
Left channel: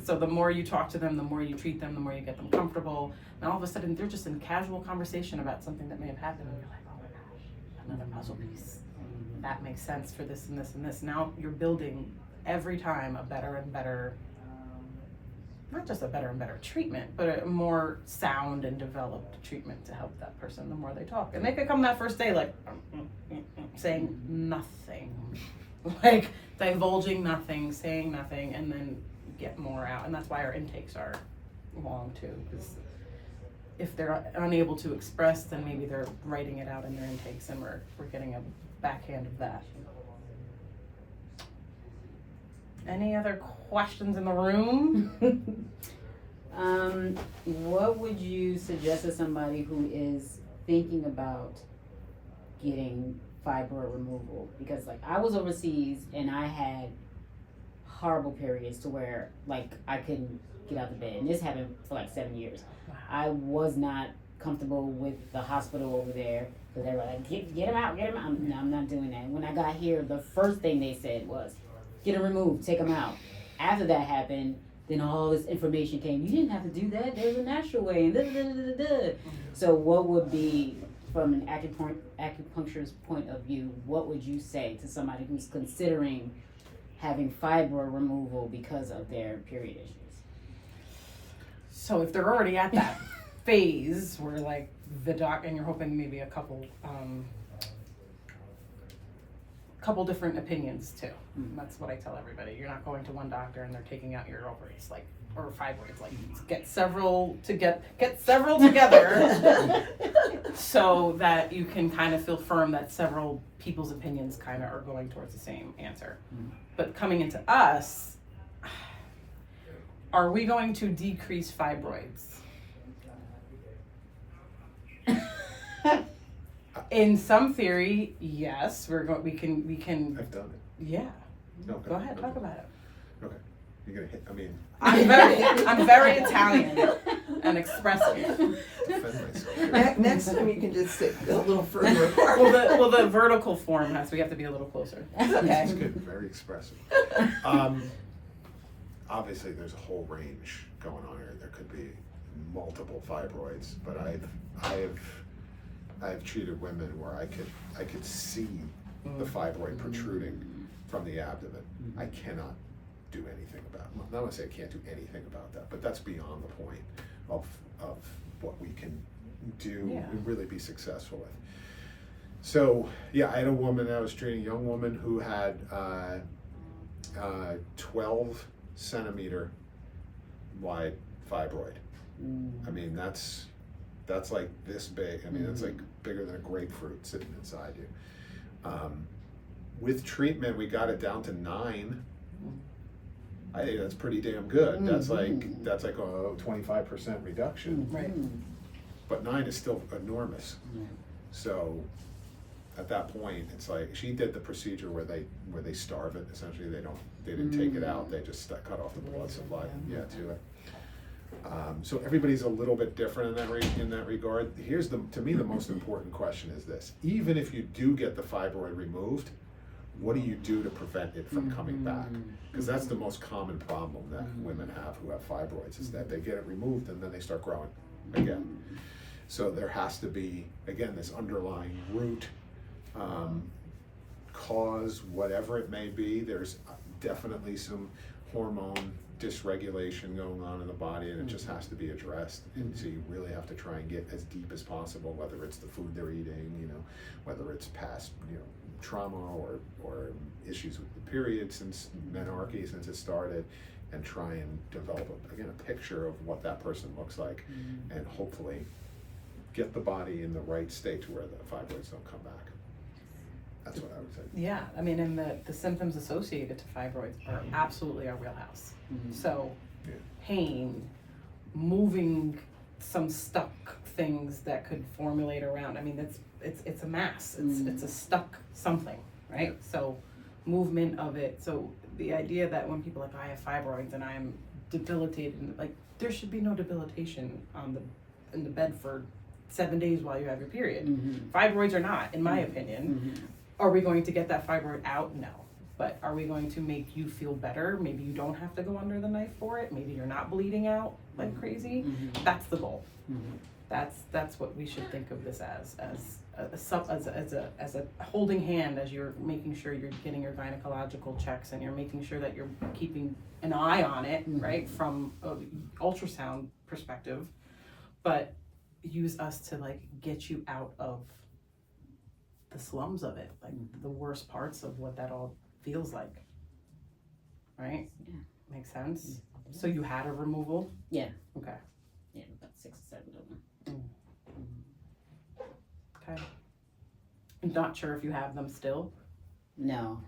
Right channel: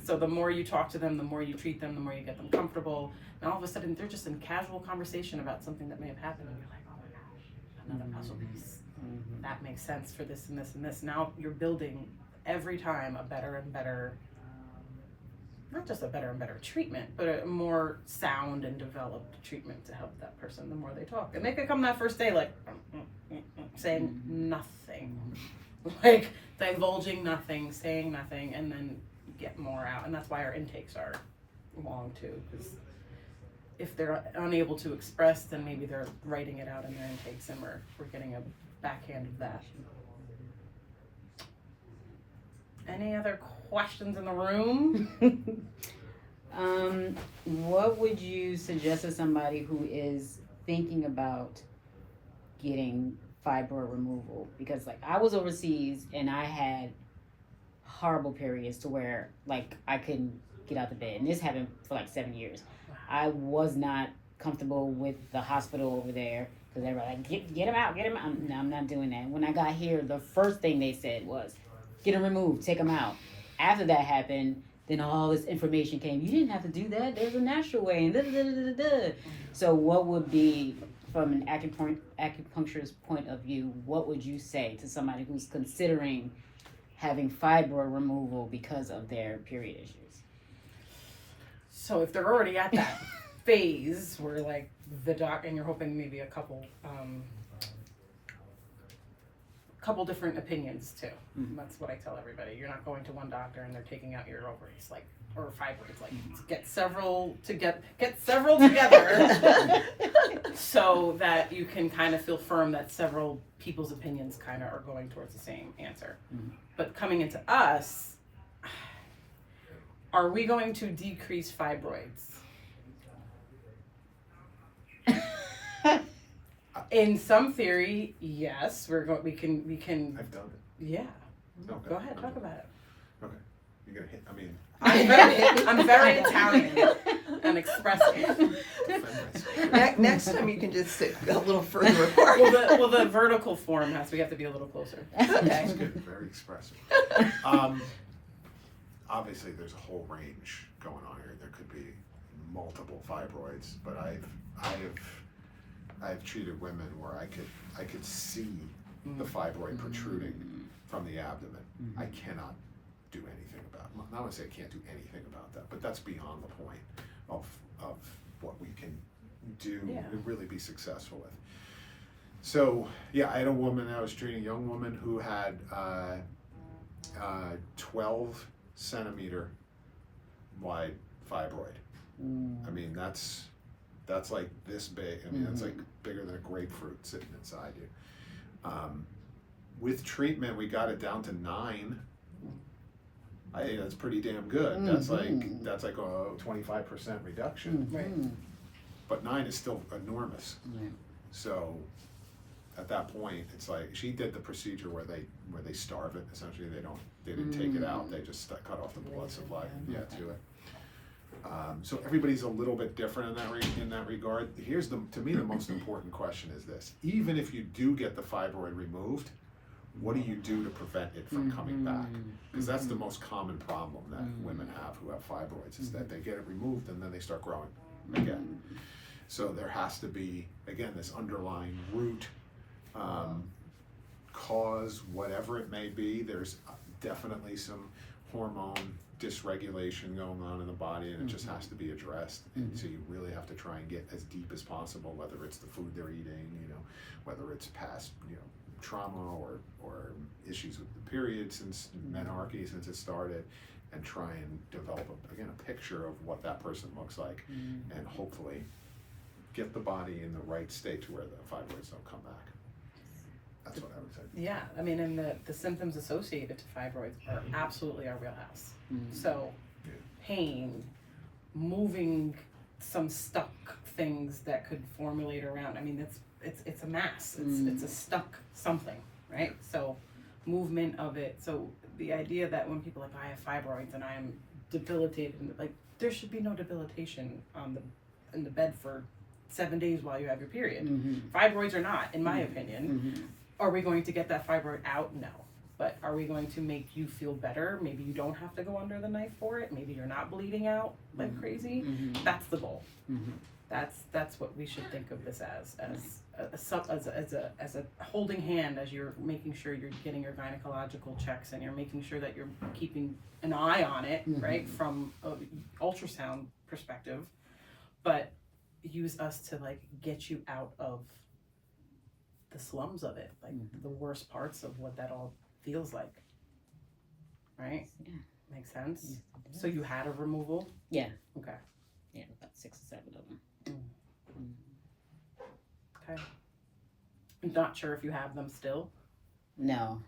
So the more you talk to them, the more you treat them, the more you get them comfortable. And all of a sudden, they're just in casual conversation about something that may have happened, and you're like, oh my gosh, another puzzle piece. That makes sense for this and this and this. Now you're building every time a better and better, not just a better and better treatment, but a more sound and developed treatment to help that person the more they talk. And they could come that first day like saying nothing, like divulging nothing, saying nothing, and then get more out. And that's why our intakes are long too, because if they're unable to express, then maybe they're writing it out in their intakes, and we're getting a backhand of that. Any other questions in the room? What would you suggest to somebody who is thinking about getting fibroid removal? Because like I was overseas and I had horrible periods to where like I couldn't get out of bed, and this happened for like 7 years. I was not comfortable with the hospital over there because they were like, get him out. No, I'm not doing that. When I got here, the first thing they said was, get him removed, take him out. After that happened, then all this information came. You didn't have to do that. There's a natural way. So what would be, from an acupuncturist's point of view, what would you say to somebody who's considering having fibroid removal because of their period issues? So if they're already at that phase where like the doc, and you're hoping maybe a couple different opinions too. That's what I tell everybody. You're not going to one doctor and they're taking out your ovaries, like, or fibroids. Like, get several together so that you can kind of feel firm that several people's opinions kind of are going towards the same answer. But coming into us, are we going to decrease fibroids? In some theory, yes. We can. I've done it. Yeah. No, Go ahead, talk about it. Okay. You're gonna hit, I mean, I'm very Italian and expressive. defend myself. Next time you can just sit a little further apart. Well, the vertical form we have to be a little closer. Okay. That's good, very expressive. Obviously, there's a whole range going on here. There could be multiple fibroids, but I've treated women where I could see the fibroid protruding from the abdomen. I cannot do anything about it. Not to say I can't do anything about that, but that's beyond the point of what we can do and really be successful with. So yeah, I had a woman I was treating, a young woman who had 12 centimeter wide fibroid. I mean, that's like this big. I mean, that's like bigger than a grapefruit sitting inside you. With treatment, we got it down to 9. I think that's pretty damn good. That's like a 25% reduction. Right. But 9 is still enormous. So at that point, it's like she did the procedure where they starve it. Essentially, they didn't take it out. They just cut off the blood supply to it. So everybody's a little bit different in that regard. Here's to me the most important question is this: even if you do get the fibroid removed, what do you do to prevent it from coming back? Because that's the most common problem that women have who have fibroids, is that they get it removed and then they start growing again. So there has to be, again, this underlying root cause, whatever it may be. There's definitely some hormone dysregulation going on in the body, and it just has to be addressed. And so you really have to try and get as deep as possible, whether it's the food they're eating, whether it's past, trauma or issues with the period since menarche, since it started, and try and develop a picture of what that person looks like, and hopefully get the body in the right state to where the fibroids don't come back. That's what I would say. Yeah, I mean, and the symptoms associated to fibroids are absolutely our wheelhouse. So, pain, moving some stuck things that could formulate around. I mean, it's a mass. It's a stuck something, right? So movement of it. So the idea that when people are like, I have fibroids and I'm debilitated, like there should be no debilitation in the bed for 7 days while you have your period. Fibroids are not, in my opinion. Are we going to get that fibroid out? No. But are we going to make you feel better? Maybe you don't have to go under the knife for it. Maybe you're not bleeding out like crazy. That's the goal. That's what we should think of this as a holding hand as you're making sure you're getting your gynecological checks and you're making sure that you're keeping an eye on it, right, from an ultrasound perspective. But use us to like get you out of the slums of it, like the worst parts of what that all feels like, right? Makes sense. So you had a removal? Yeah. Okay. Yeah, about 6 or 7 of them. Okay. I'm not sure if you have them still. No.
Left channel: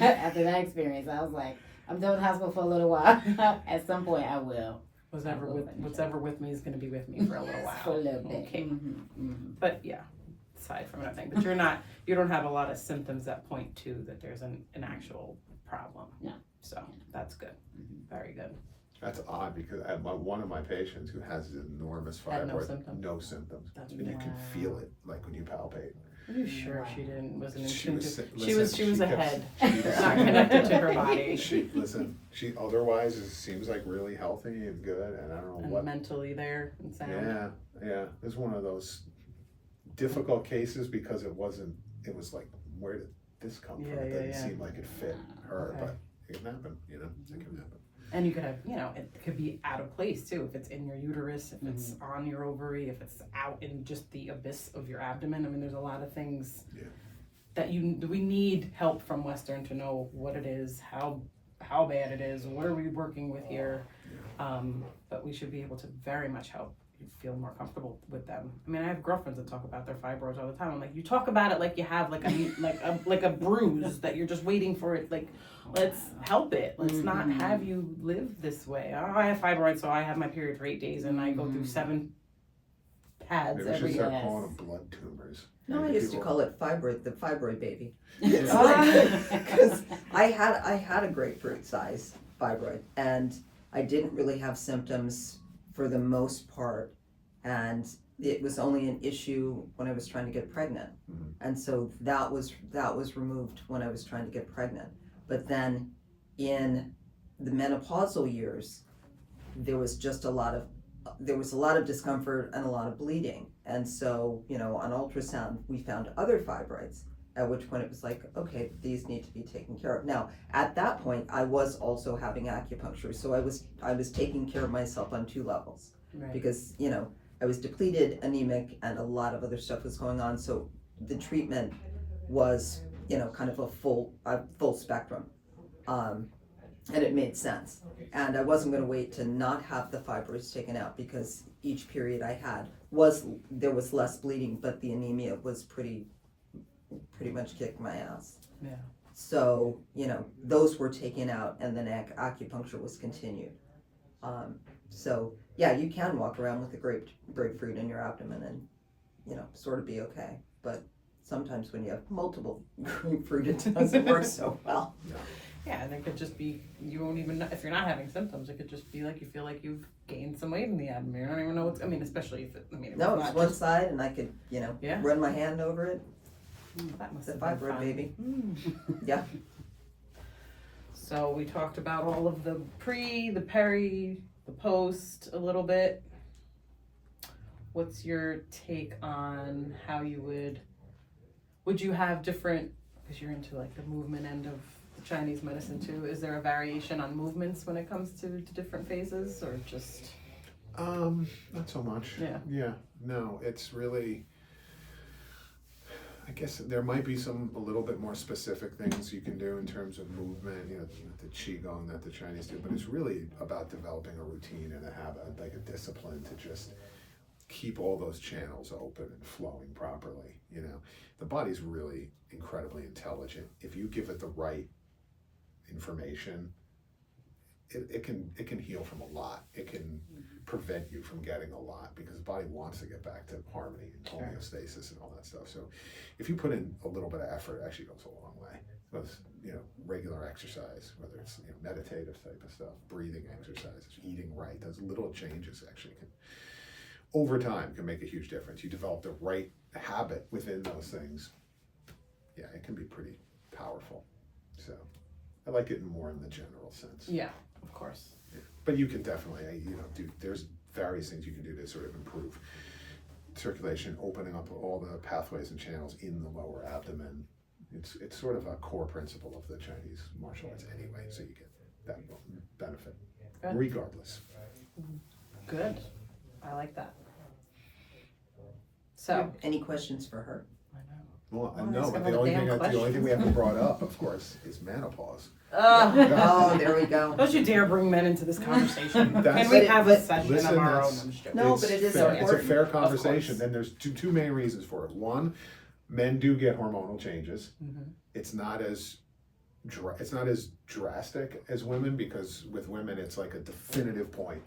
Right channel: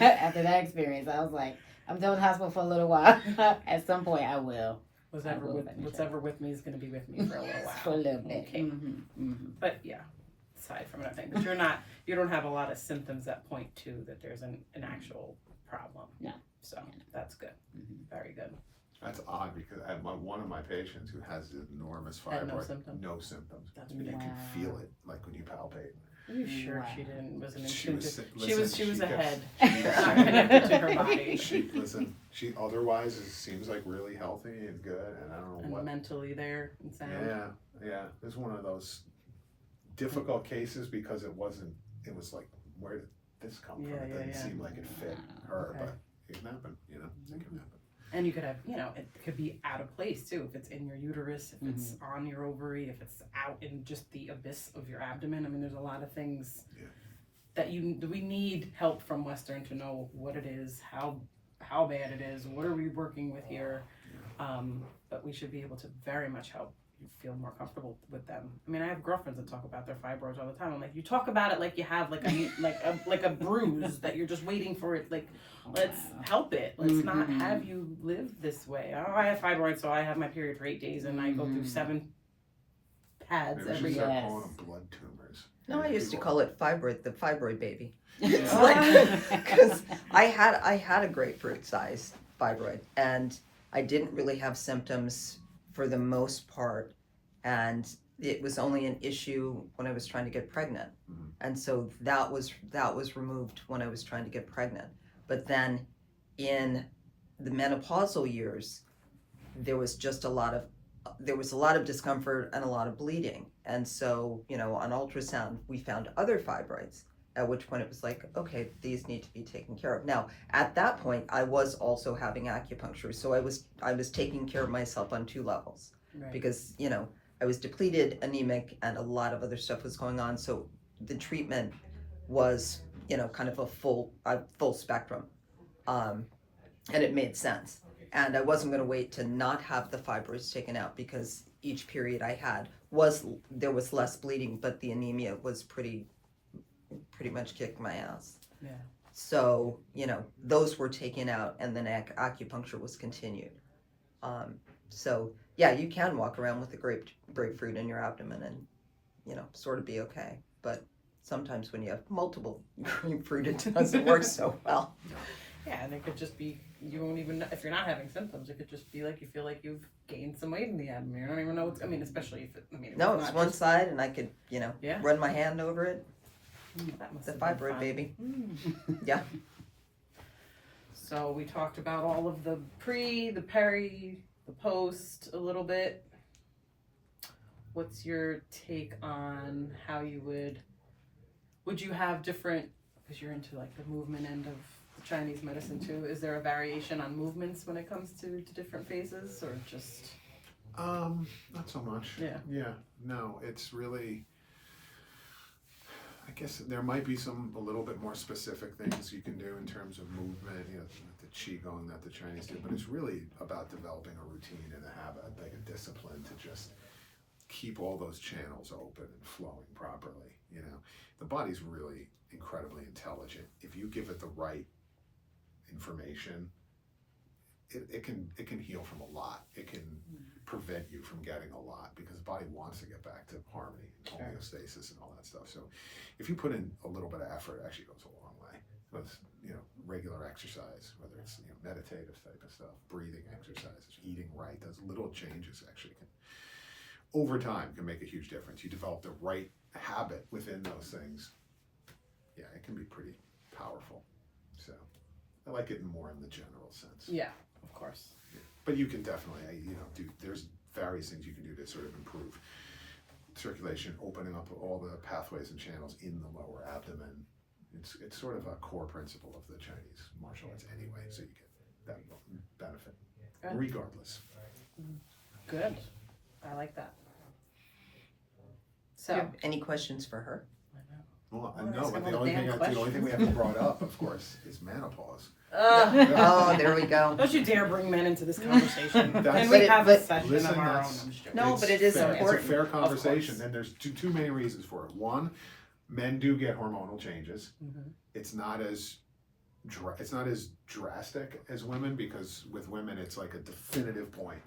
After that experience, I was like, I'm doing hospital for a little while. At some point, I will. What's ever with me is going to be with me for a little while. For a little bit. Okay. But yeah, aside from anything, but you don't have a lot of symptoms that point to that there's an actual problem. No. So that's good. Very good. That's odd because I have one of my patients who has enormous Had no fibroid, symptoms? no symptoms. That's And you can feel it like when you palpate. Are you sure she wasn't She was intuitive? She was kept- ahead, she not connected to her body. She otherwise seems like really healthy and good, and I don't know And what. mentally there and sound. Yeah. It's one of those difficult cases because it was like, where did this come from? It doesn't seem like it fit her, Okay. but it can happen, it can happen. And you could have, it could be out of place too, if it's in your uterus, if it's on your ovary, if it's out in just the abyss of your abdomen. I mean, there's a lot of things that we need help from Western to know what it is, how bad it is, what are we working with here. But we should be able to very much help you feel more comfortable with them. I mean, I have girlfriends that talk about their fibroids all the time. I'm like, you talk about it like you have like a bruise that you're just waiting for it. Like, let's help it. Let's not have you live this way. Oh, I have fibroids, so I have my period for 8 days and I go through 7 pads Maybe we every should start day. calling them blood tumors. No, I Maybe used to people- call it the fibroid baby. It's like, because I had a grapefruit sized fibroid and I didn't really have symptoms for the most part, and it was only an issue when I was trying to get pregnant. And so that was removed when I was trying to get pregnant. But then in the menopausal years, there was a lot of discomfort and a lot of bleeding. And so, on ultrasound, we found other fibroids, at which point it was like, okay, these need to be taken care of. Now, at that point, I was also having acupuncture. So I was taking care of myself on 2 levels. Right. Because, I was depleted, anemic, and a lot of other stuff was going on. So the treatment was, kind of a full spectrum. And it made sense. And I wasn't going to wait to not have the fibroids taken out because each period I had there was less bleeding, but the anemia was pretty much kicked my ass. Yeah. So, those were taken out and then acupuncture was continued. So yeah, you can walk around with a grapefruit in your abdomen and, sort of be okay. But sometimes when you have multiple grapefruit, it doesn't work so well. Yeah, and it could just be, you won't even know, if you're not having symptoms, it could just be like you feel like you've gained some weight in the abdomen. You don't even know what's, especially if No, it's one side and I could, run my hand over it. That must The have been fibroid fun. baby. Yeah. So we talked about all of the pre, the peri, the post a little bit. What's your take on how you would you have different, because you're into like the movement end of the Chinese medicine too, is there a variation on movements when it comes to different phases or just? Not so much. Yeah. No, it's really, I guess there might be a little bit more specific things you can do in terms of movement, the qigong that the Chinese do, but it's really about developing a routine and a habit, like a discipline to just keep all those channels open and flowing properly. The body's really incredibly intelligent. If you give it the right information, it can heal from a lot. It can prevent you from getting a lot because the body wants to get back to harmony and homeostasis and all that stuff. So if you put in a little bit of effort, it actually goes a long way. Because, regular exercise, whether it's meditative type of stuff, breathing exercises, eating right, those little changes actually can, over time, can make a huge difference. You develop the right habit within those things. Yeah, it can be pretty powerful. So I like it more in the general sense. Yeah, of course. Yeah. But you can definitely, there's various things you can do to sort of improve circulation, opening up all the pathways and channels in the lower abdomen. It's sort of a core principle of the Chinese martial arts anyway, so you get that benefit Good. regardless. Good. I like that. Do you So, have any questions for her? I know. Well, Oh, no, that's but another the only damn thing we haven't brought up, of course, is menopause. Oh, there we go. Don't you dare bring men into this conversation. That's- Can we But- have a but- session Listen, of our own? that's- I'm just joking. No, but it is fair. It's a important. fair Of conversation. course. Then there's two main reasons for it. One, men do get hormonal changes. Mhm. It's not as drastic as women, because with women it's like a definitive point,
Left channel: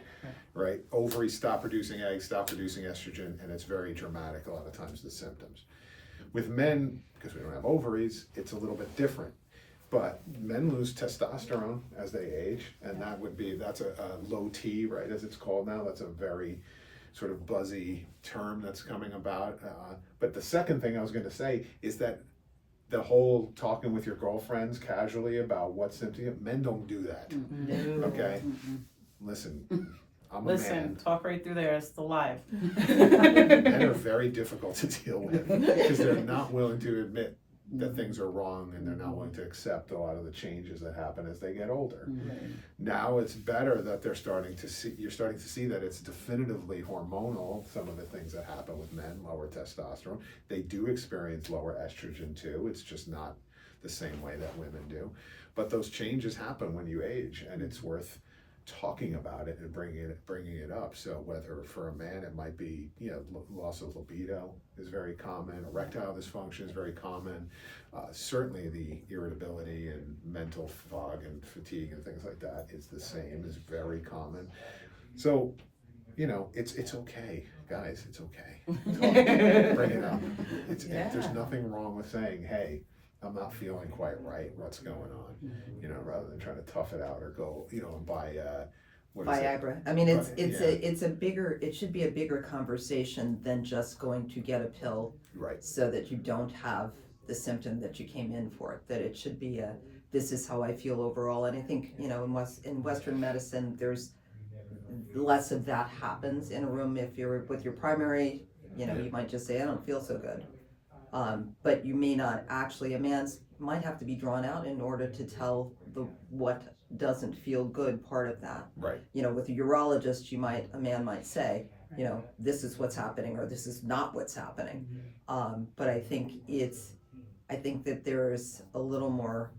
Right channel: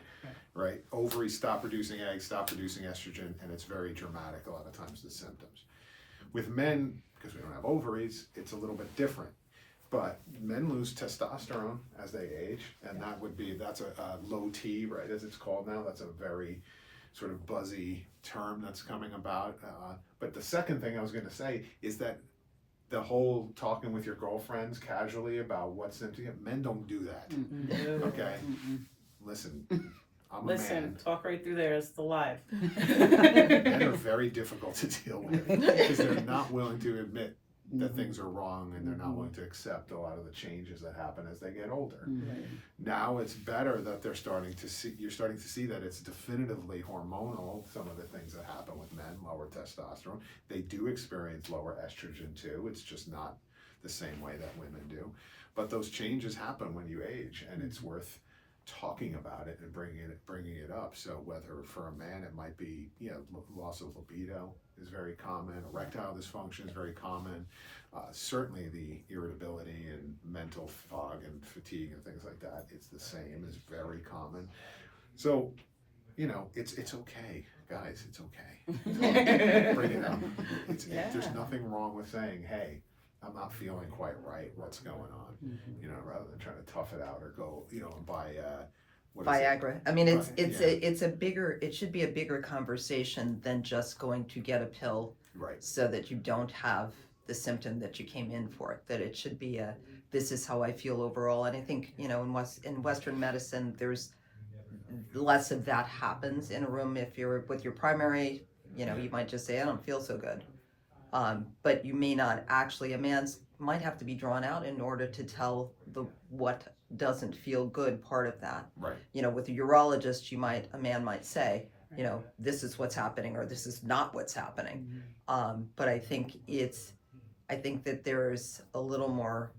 right? Ovaries stop producing eggs, stop producing estrogen, and it's very dramatic a lot of times, the symptoms. With men, because we don't have ovaries, it's a little bit different. But men lose testosterone as they age, and that's a low T, right, as it's called now. That's a very sort of buzzy term that's coming about. But the second thing I was going to say is that the whole talking with your girlfriends casually about what symptoms, men don't do that. No. Okay? Listen, I'm a Listen, man. talk right through there. It's still live. Men are very difficult to deal with because they're not willing to admit that things are wrong, and they're not willing to accept a lot of the changes that happen as they get older. Now it's better that you're starting to see that it's definitively hormonal, some of the things that happen with men, lower testosterone. They do experience lower estrogen too. It's just not the same way that women do. But those changes happen when you age, and it's worth talking about it and bringing it up. So whether for a man it might be, loss of libido is very common, erectile dysfunction is very common, certainly the irritability and mental fog and fatigue and things like that is the same, is very common. So it's okay, guys, it's okay. Bring it up. There's nothing wrong with saying, hey, I'm not feeling quite right. What's going on? Rather than trying to tough it out or go, and buy Viagra. I mean, it should be a bigger conversation than just going to get a pill, right? So that you don't have the symptom that you came in for. That it should be this is how I feel overall. And I think in Western medicine, there's less of that happens in a room. If you're with your primary, you might just say, I don't feel so good. But you may not actually, a man might have to be drawn out in order to tell what doesn't feel good part of that. Right. With a urologist, a man might say, this is what's happening or this is not what's happening. But I think that there is a little more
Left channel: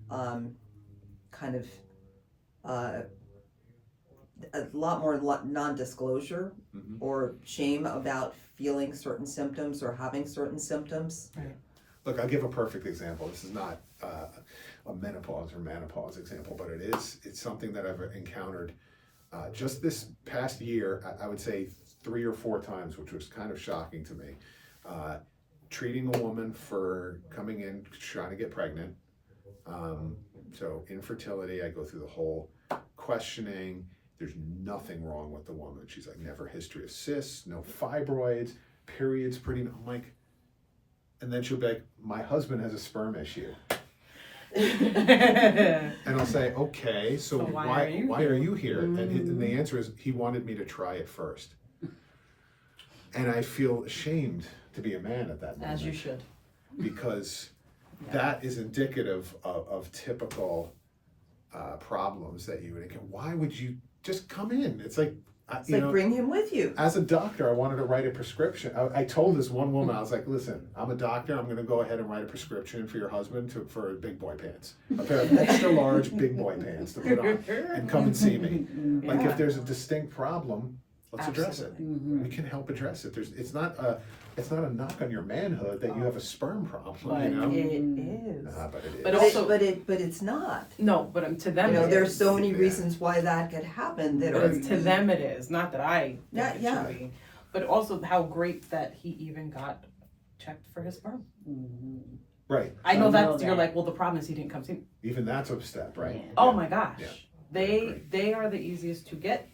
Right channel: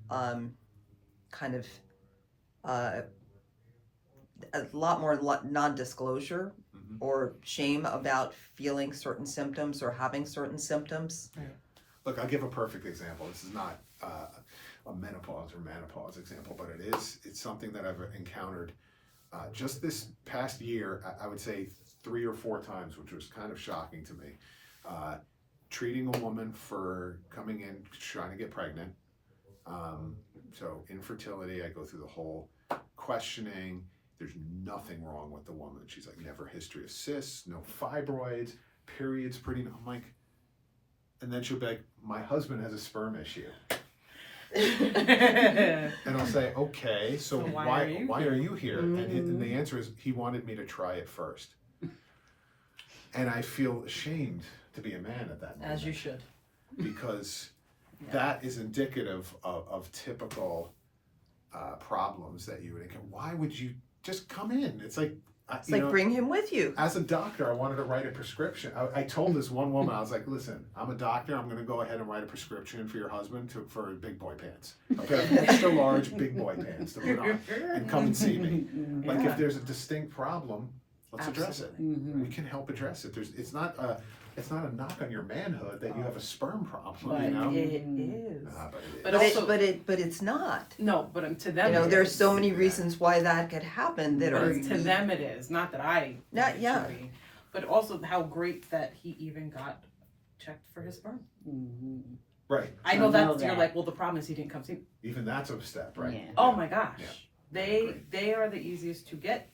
a lot more non-disclosure or shame about feeling certain symptoms or having certain symptoms. Look, I'll give a perfect example. This is not a menopause example, but it's something that I've encountered just this past year. I would say 3 or 4 times, which was kind of shocking to me. Treating a woman for coming in trying to get pregnant. So infertility, I go through the whole questioning. There's nothing wrong with the woman. She's like, never history of cysts, no fibroids, periods pretty. I'm like, and then she'll be like, my husband has a sperm issue. And I'll say, okay, so why are you here? And the answer is, he wanted me to try it first. And I feel ashamed to be a man at that moment. As you should. Because that is indicative of typical problems that you would encounter. Why would you just come in? It's like, bring him with you. As a doctor, I wanted to write a prescription. I told this one woman, I was like, listen, I'm a doctor. I'm going to go ahead and write a prescription for your husband for big boy pants. A pair of extra large big boy pants to put on and come and see me. Like, if there's a distinct problem, Let's address it. Mm-hmm. We can help address it. It's not a knock on your manhood that you have a sperm problem, But you know. it is. But it is. But also- but it's not. No, but to them, You know, it there's is. so many Yeah. reasons why that could happen that But are to them it is. Not that I. Not- think it yeah. should be. But also how great that he even got checked for his sperm. Mm-hmm. Right. I know I that know you're that. like, well, the problem is he didn't come see me. Even that's a step, right? Yeah. Oh my gosh. Yeah. They are the easiest to get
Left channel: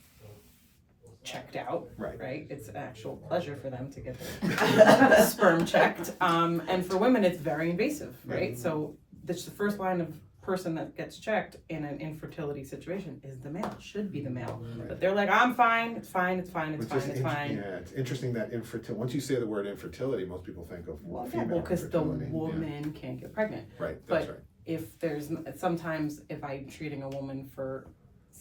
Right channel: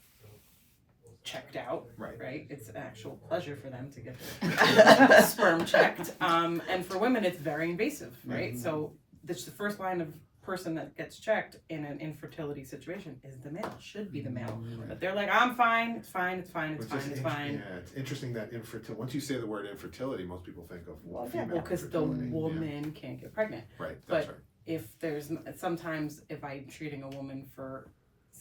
checked out. Right. Right? It's an actual pleasure for them to get their sperm checked. And for women, it's very invasive, right? So that's the first line of person that gets checked in an infertility situation is the male, should be the male. Right. But they're like, I'm fine, it's fine, it's fine, it's Which fine, is it's fine. Yeah, it's interesting that once you say the word infertility, most people think of female Because the infertility. woman can't get pregnant. Yeah. Right, that's but- right. If there's, sometimes if I'm treating a woman for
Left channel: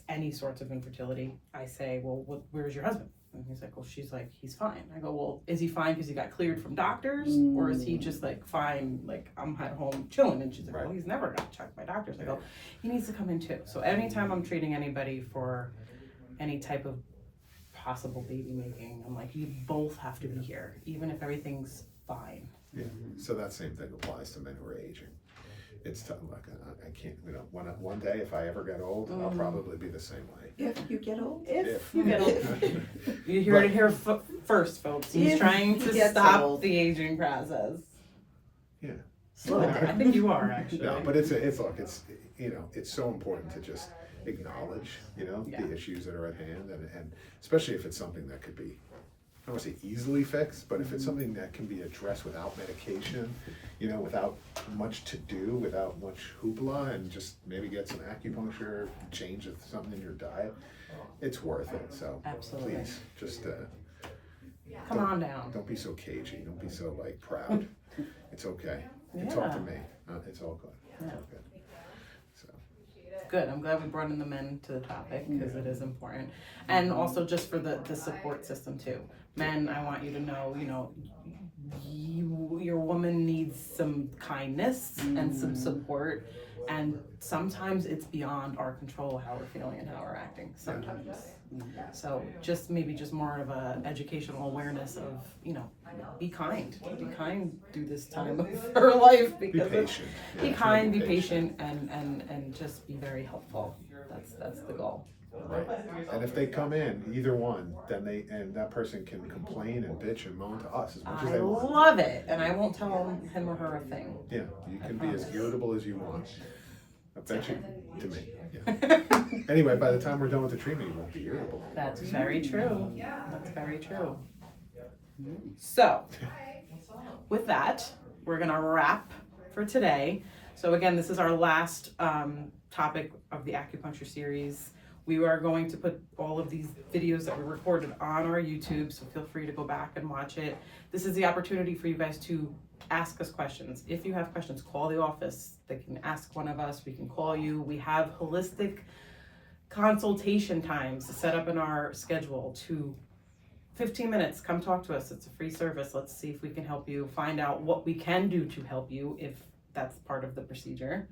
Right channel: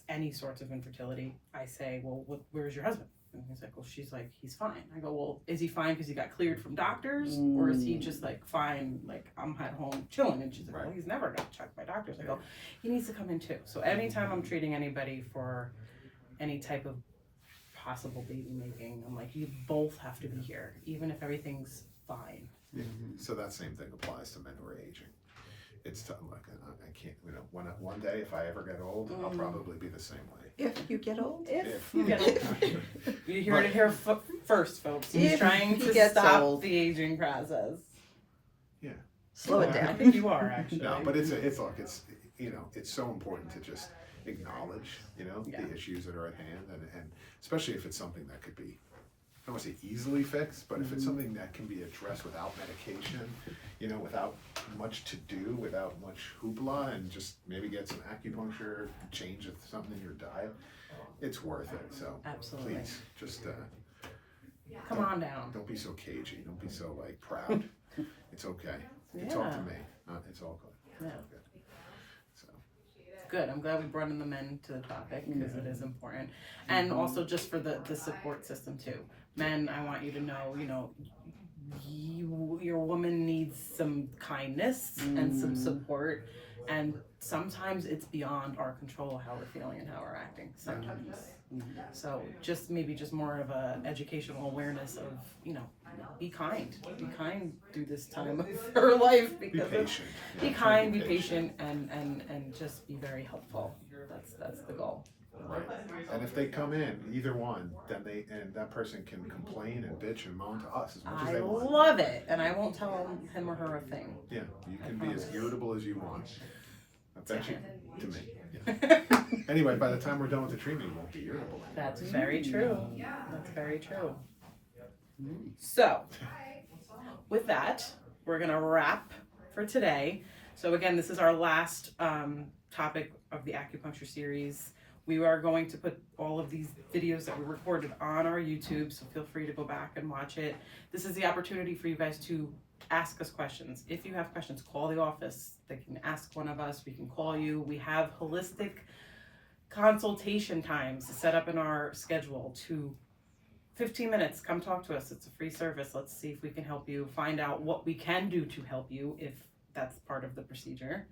any sorts of infertility, I say, well, where's your husband? And he's like, well, she's like, he's fine. I go, well, is he fine because he got cleared from doctors? Or is he just like, fine, like, I'm at home chilling? And she's like, well, he's never got checked by doctors. I go, he needs to come in too. So anytime I'm treating anybody for any type of possible baby making, I'm like, you both have to be here, even if everything's fine. Yeah. So that same thing applies to men who are aging. It's tough. Like I can't. You know, one day if I ever get old, I'll probably be the same way. if you get old. If you get old. You hear it here first, folks. He's If trying he to gets stop old. the aging process. Yeah. Slow it I down. think you are actually. No, but it's you know, it's so important to just acknowledge, you know, Yeah. the issues that are at hand, and especially if it's something that could be, I don't want to say easily fixed, but if it's something that can be addressed without medication, you know, without much to do, without much hoopla, and just maybe get some acupuncture, change something in your diet, it's worth it. So Absolutely. please, just Come on down. don't be so cagey. Don't be so like proud. It's okay. You can talk Yeah. to me. It's all good. Yeah. It's all good. So. Good. I'm glad we brought in the men to the topic because it is important. And also just for the support system too. Men, I want you to know, you know, your woman needs some kindness and some support. And sometimes it's beyond our control how we're feeling and how we're acting. Sometimes. So just maybe just more of a educational awareness of, you know, be kind through this time of her life Be because patient. be Yeah, kind, be patient, and just be very helpful. That's the goal. Right. And if they come in, either one, then that person can complain and bitch and moan to us as much as I they want. love it, and I won't tell him or her a thing. Yeah, you can be as promise. irritable as you want. I bet you to me. Yeah. Anyway, by the time we're done with the treatment, you won't be irritable. That's very true. That's very true. So, with that, we're gonna wrap for today. So again, this is our last topic of the acupuncture series. We are going to put all of these videos that we recorded on our YouTube, so feel free to go back and watch it. This is the opportunity for you guys to ask us questions. If you have questions, call the office. They can ask one of us. We can call you. We have holistic consultation times set up in our schedule to 15 minutes. Come talk to us. It's a free service. Let's see if we can help you find out what we can do to help you if that's part of the procedure.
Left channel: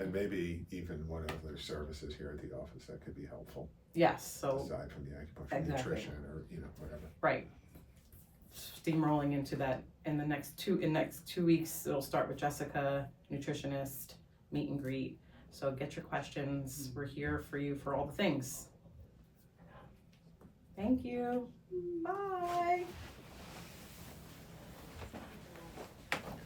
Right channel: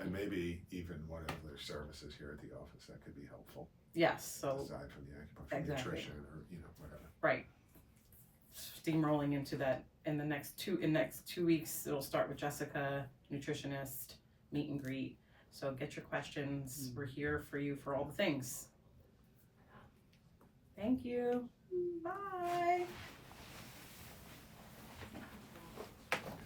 And maybe even what other services here at the office that could be helpful, yes, so aside from the acupuncture, Exactly. nutrition, or whatever. right, steamrolling into that in the next 2 weeks. It'll start with Jessica, nutritionist, meet and greet. So get your questions. We're here for you for all the things. Thank you. Bye.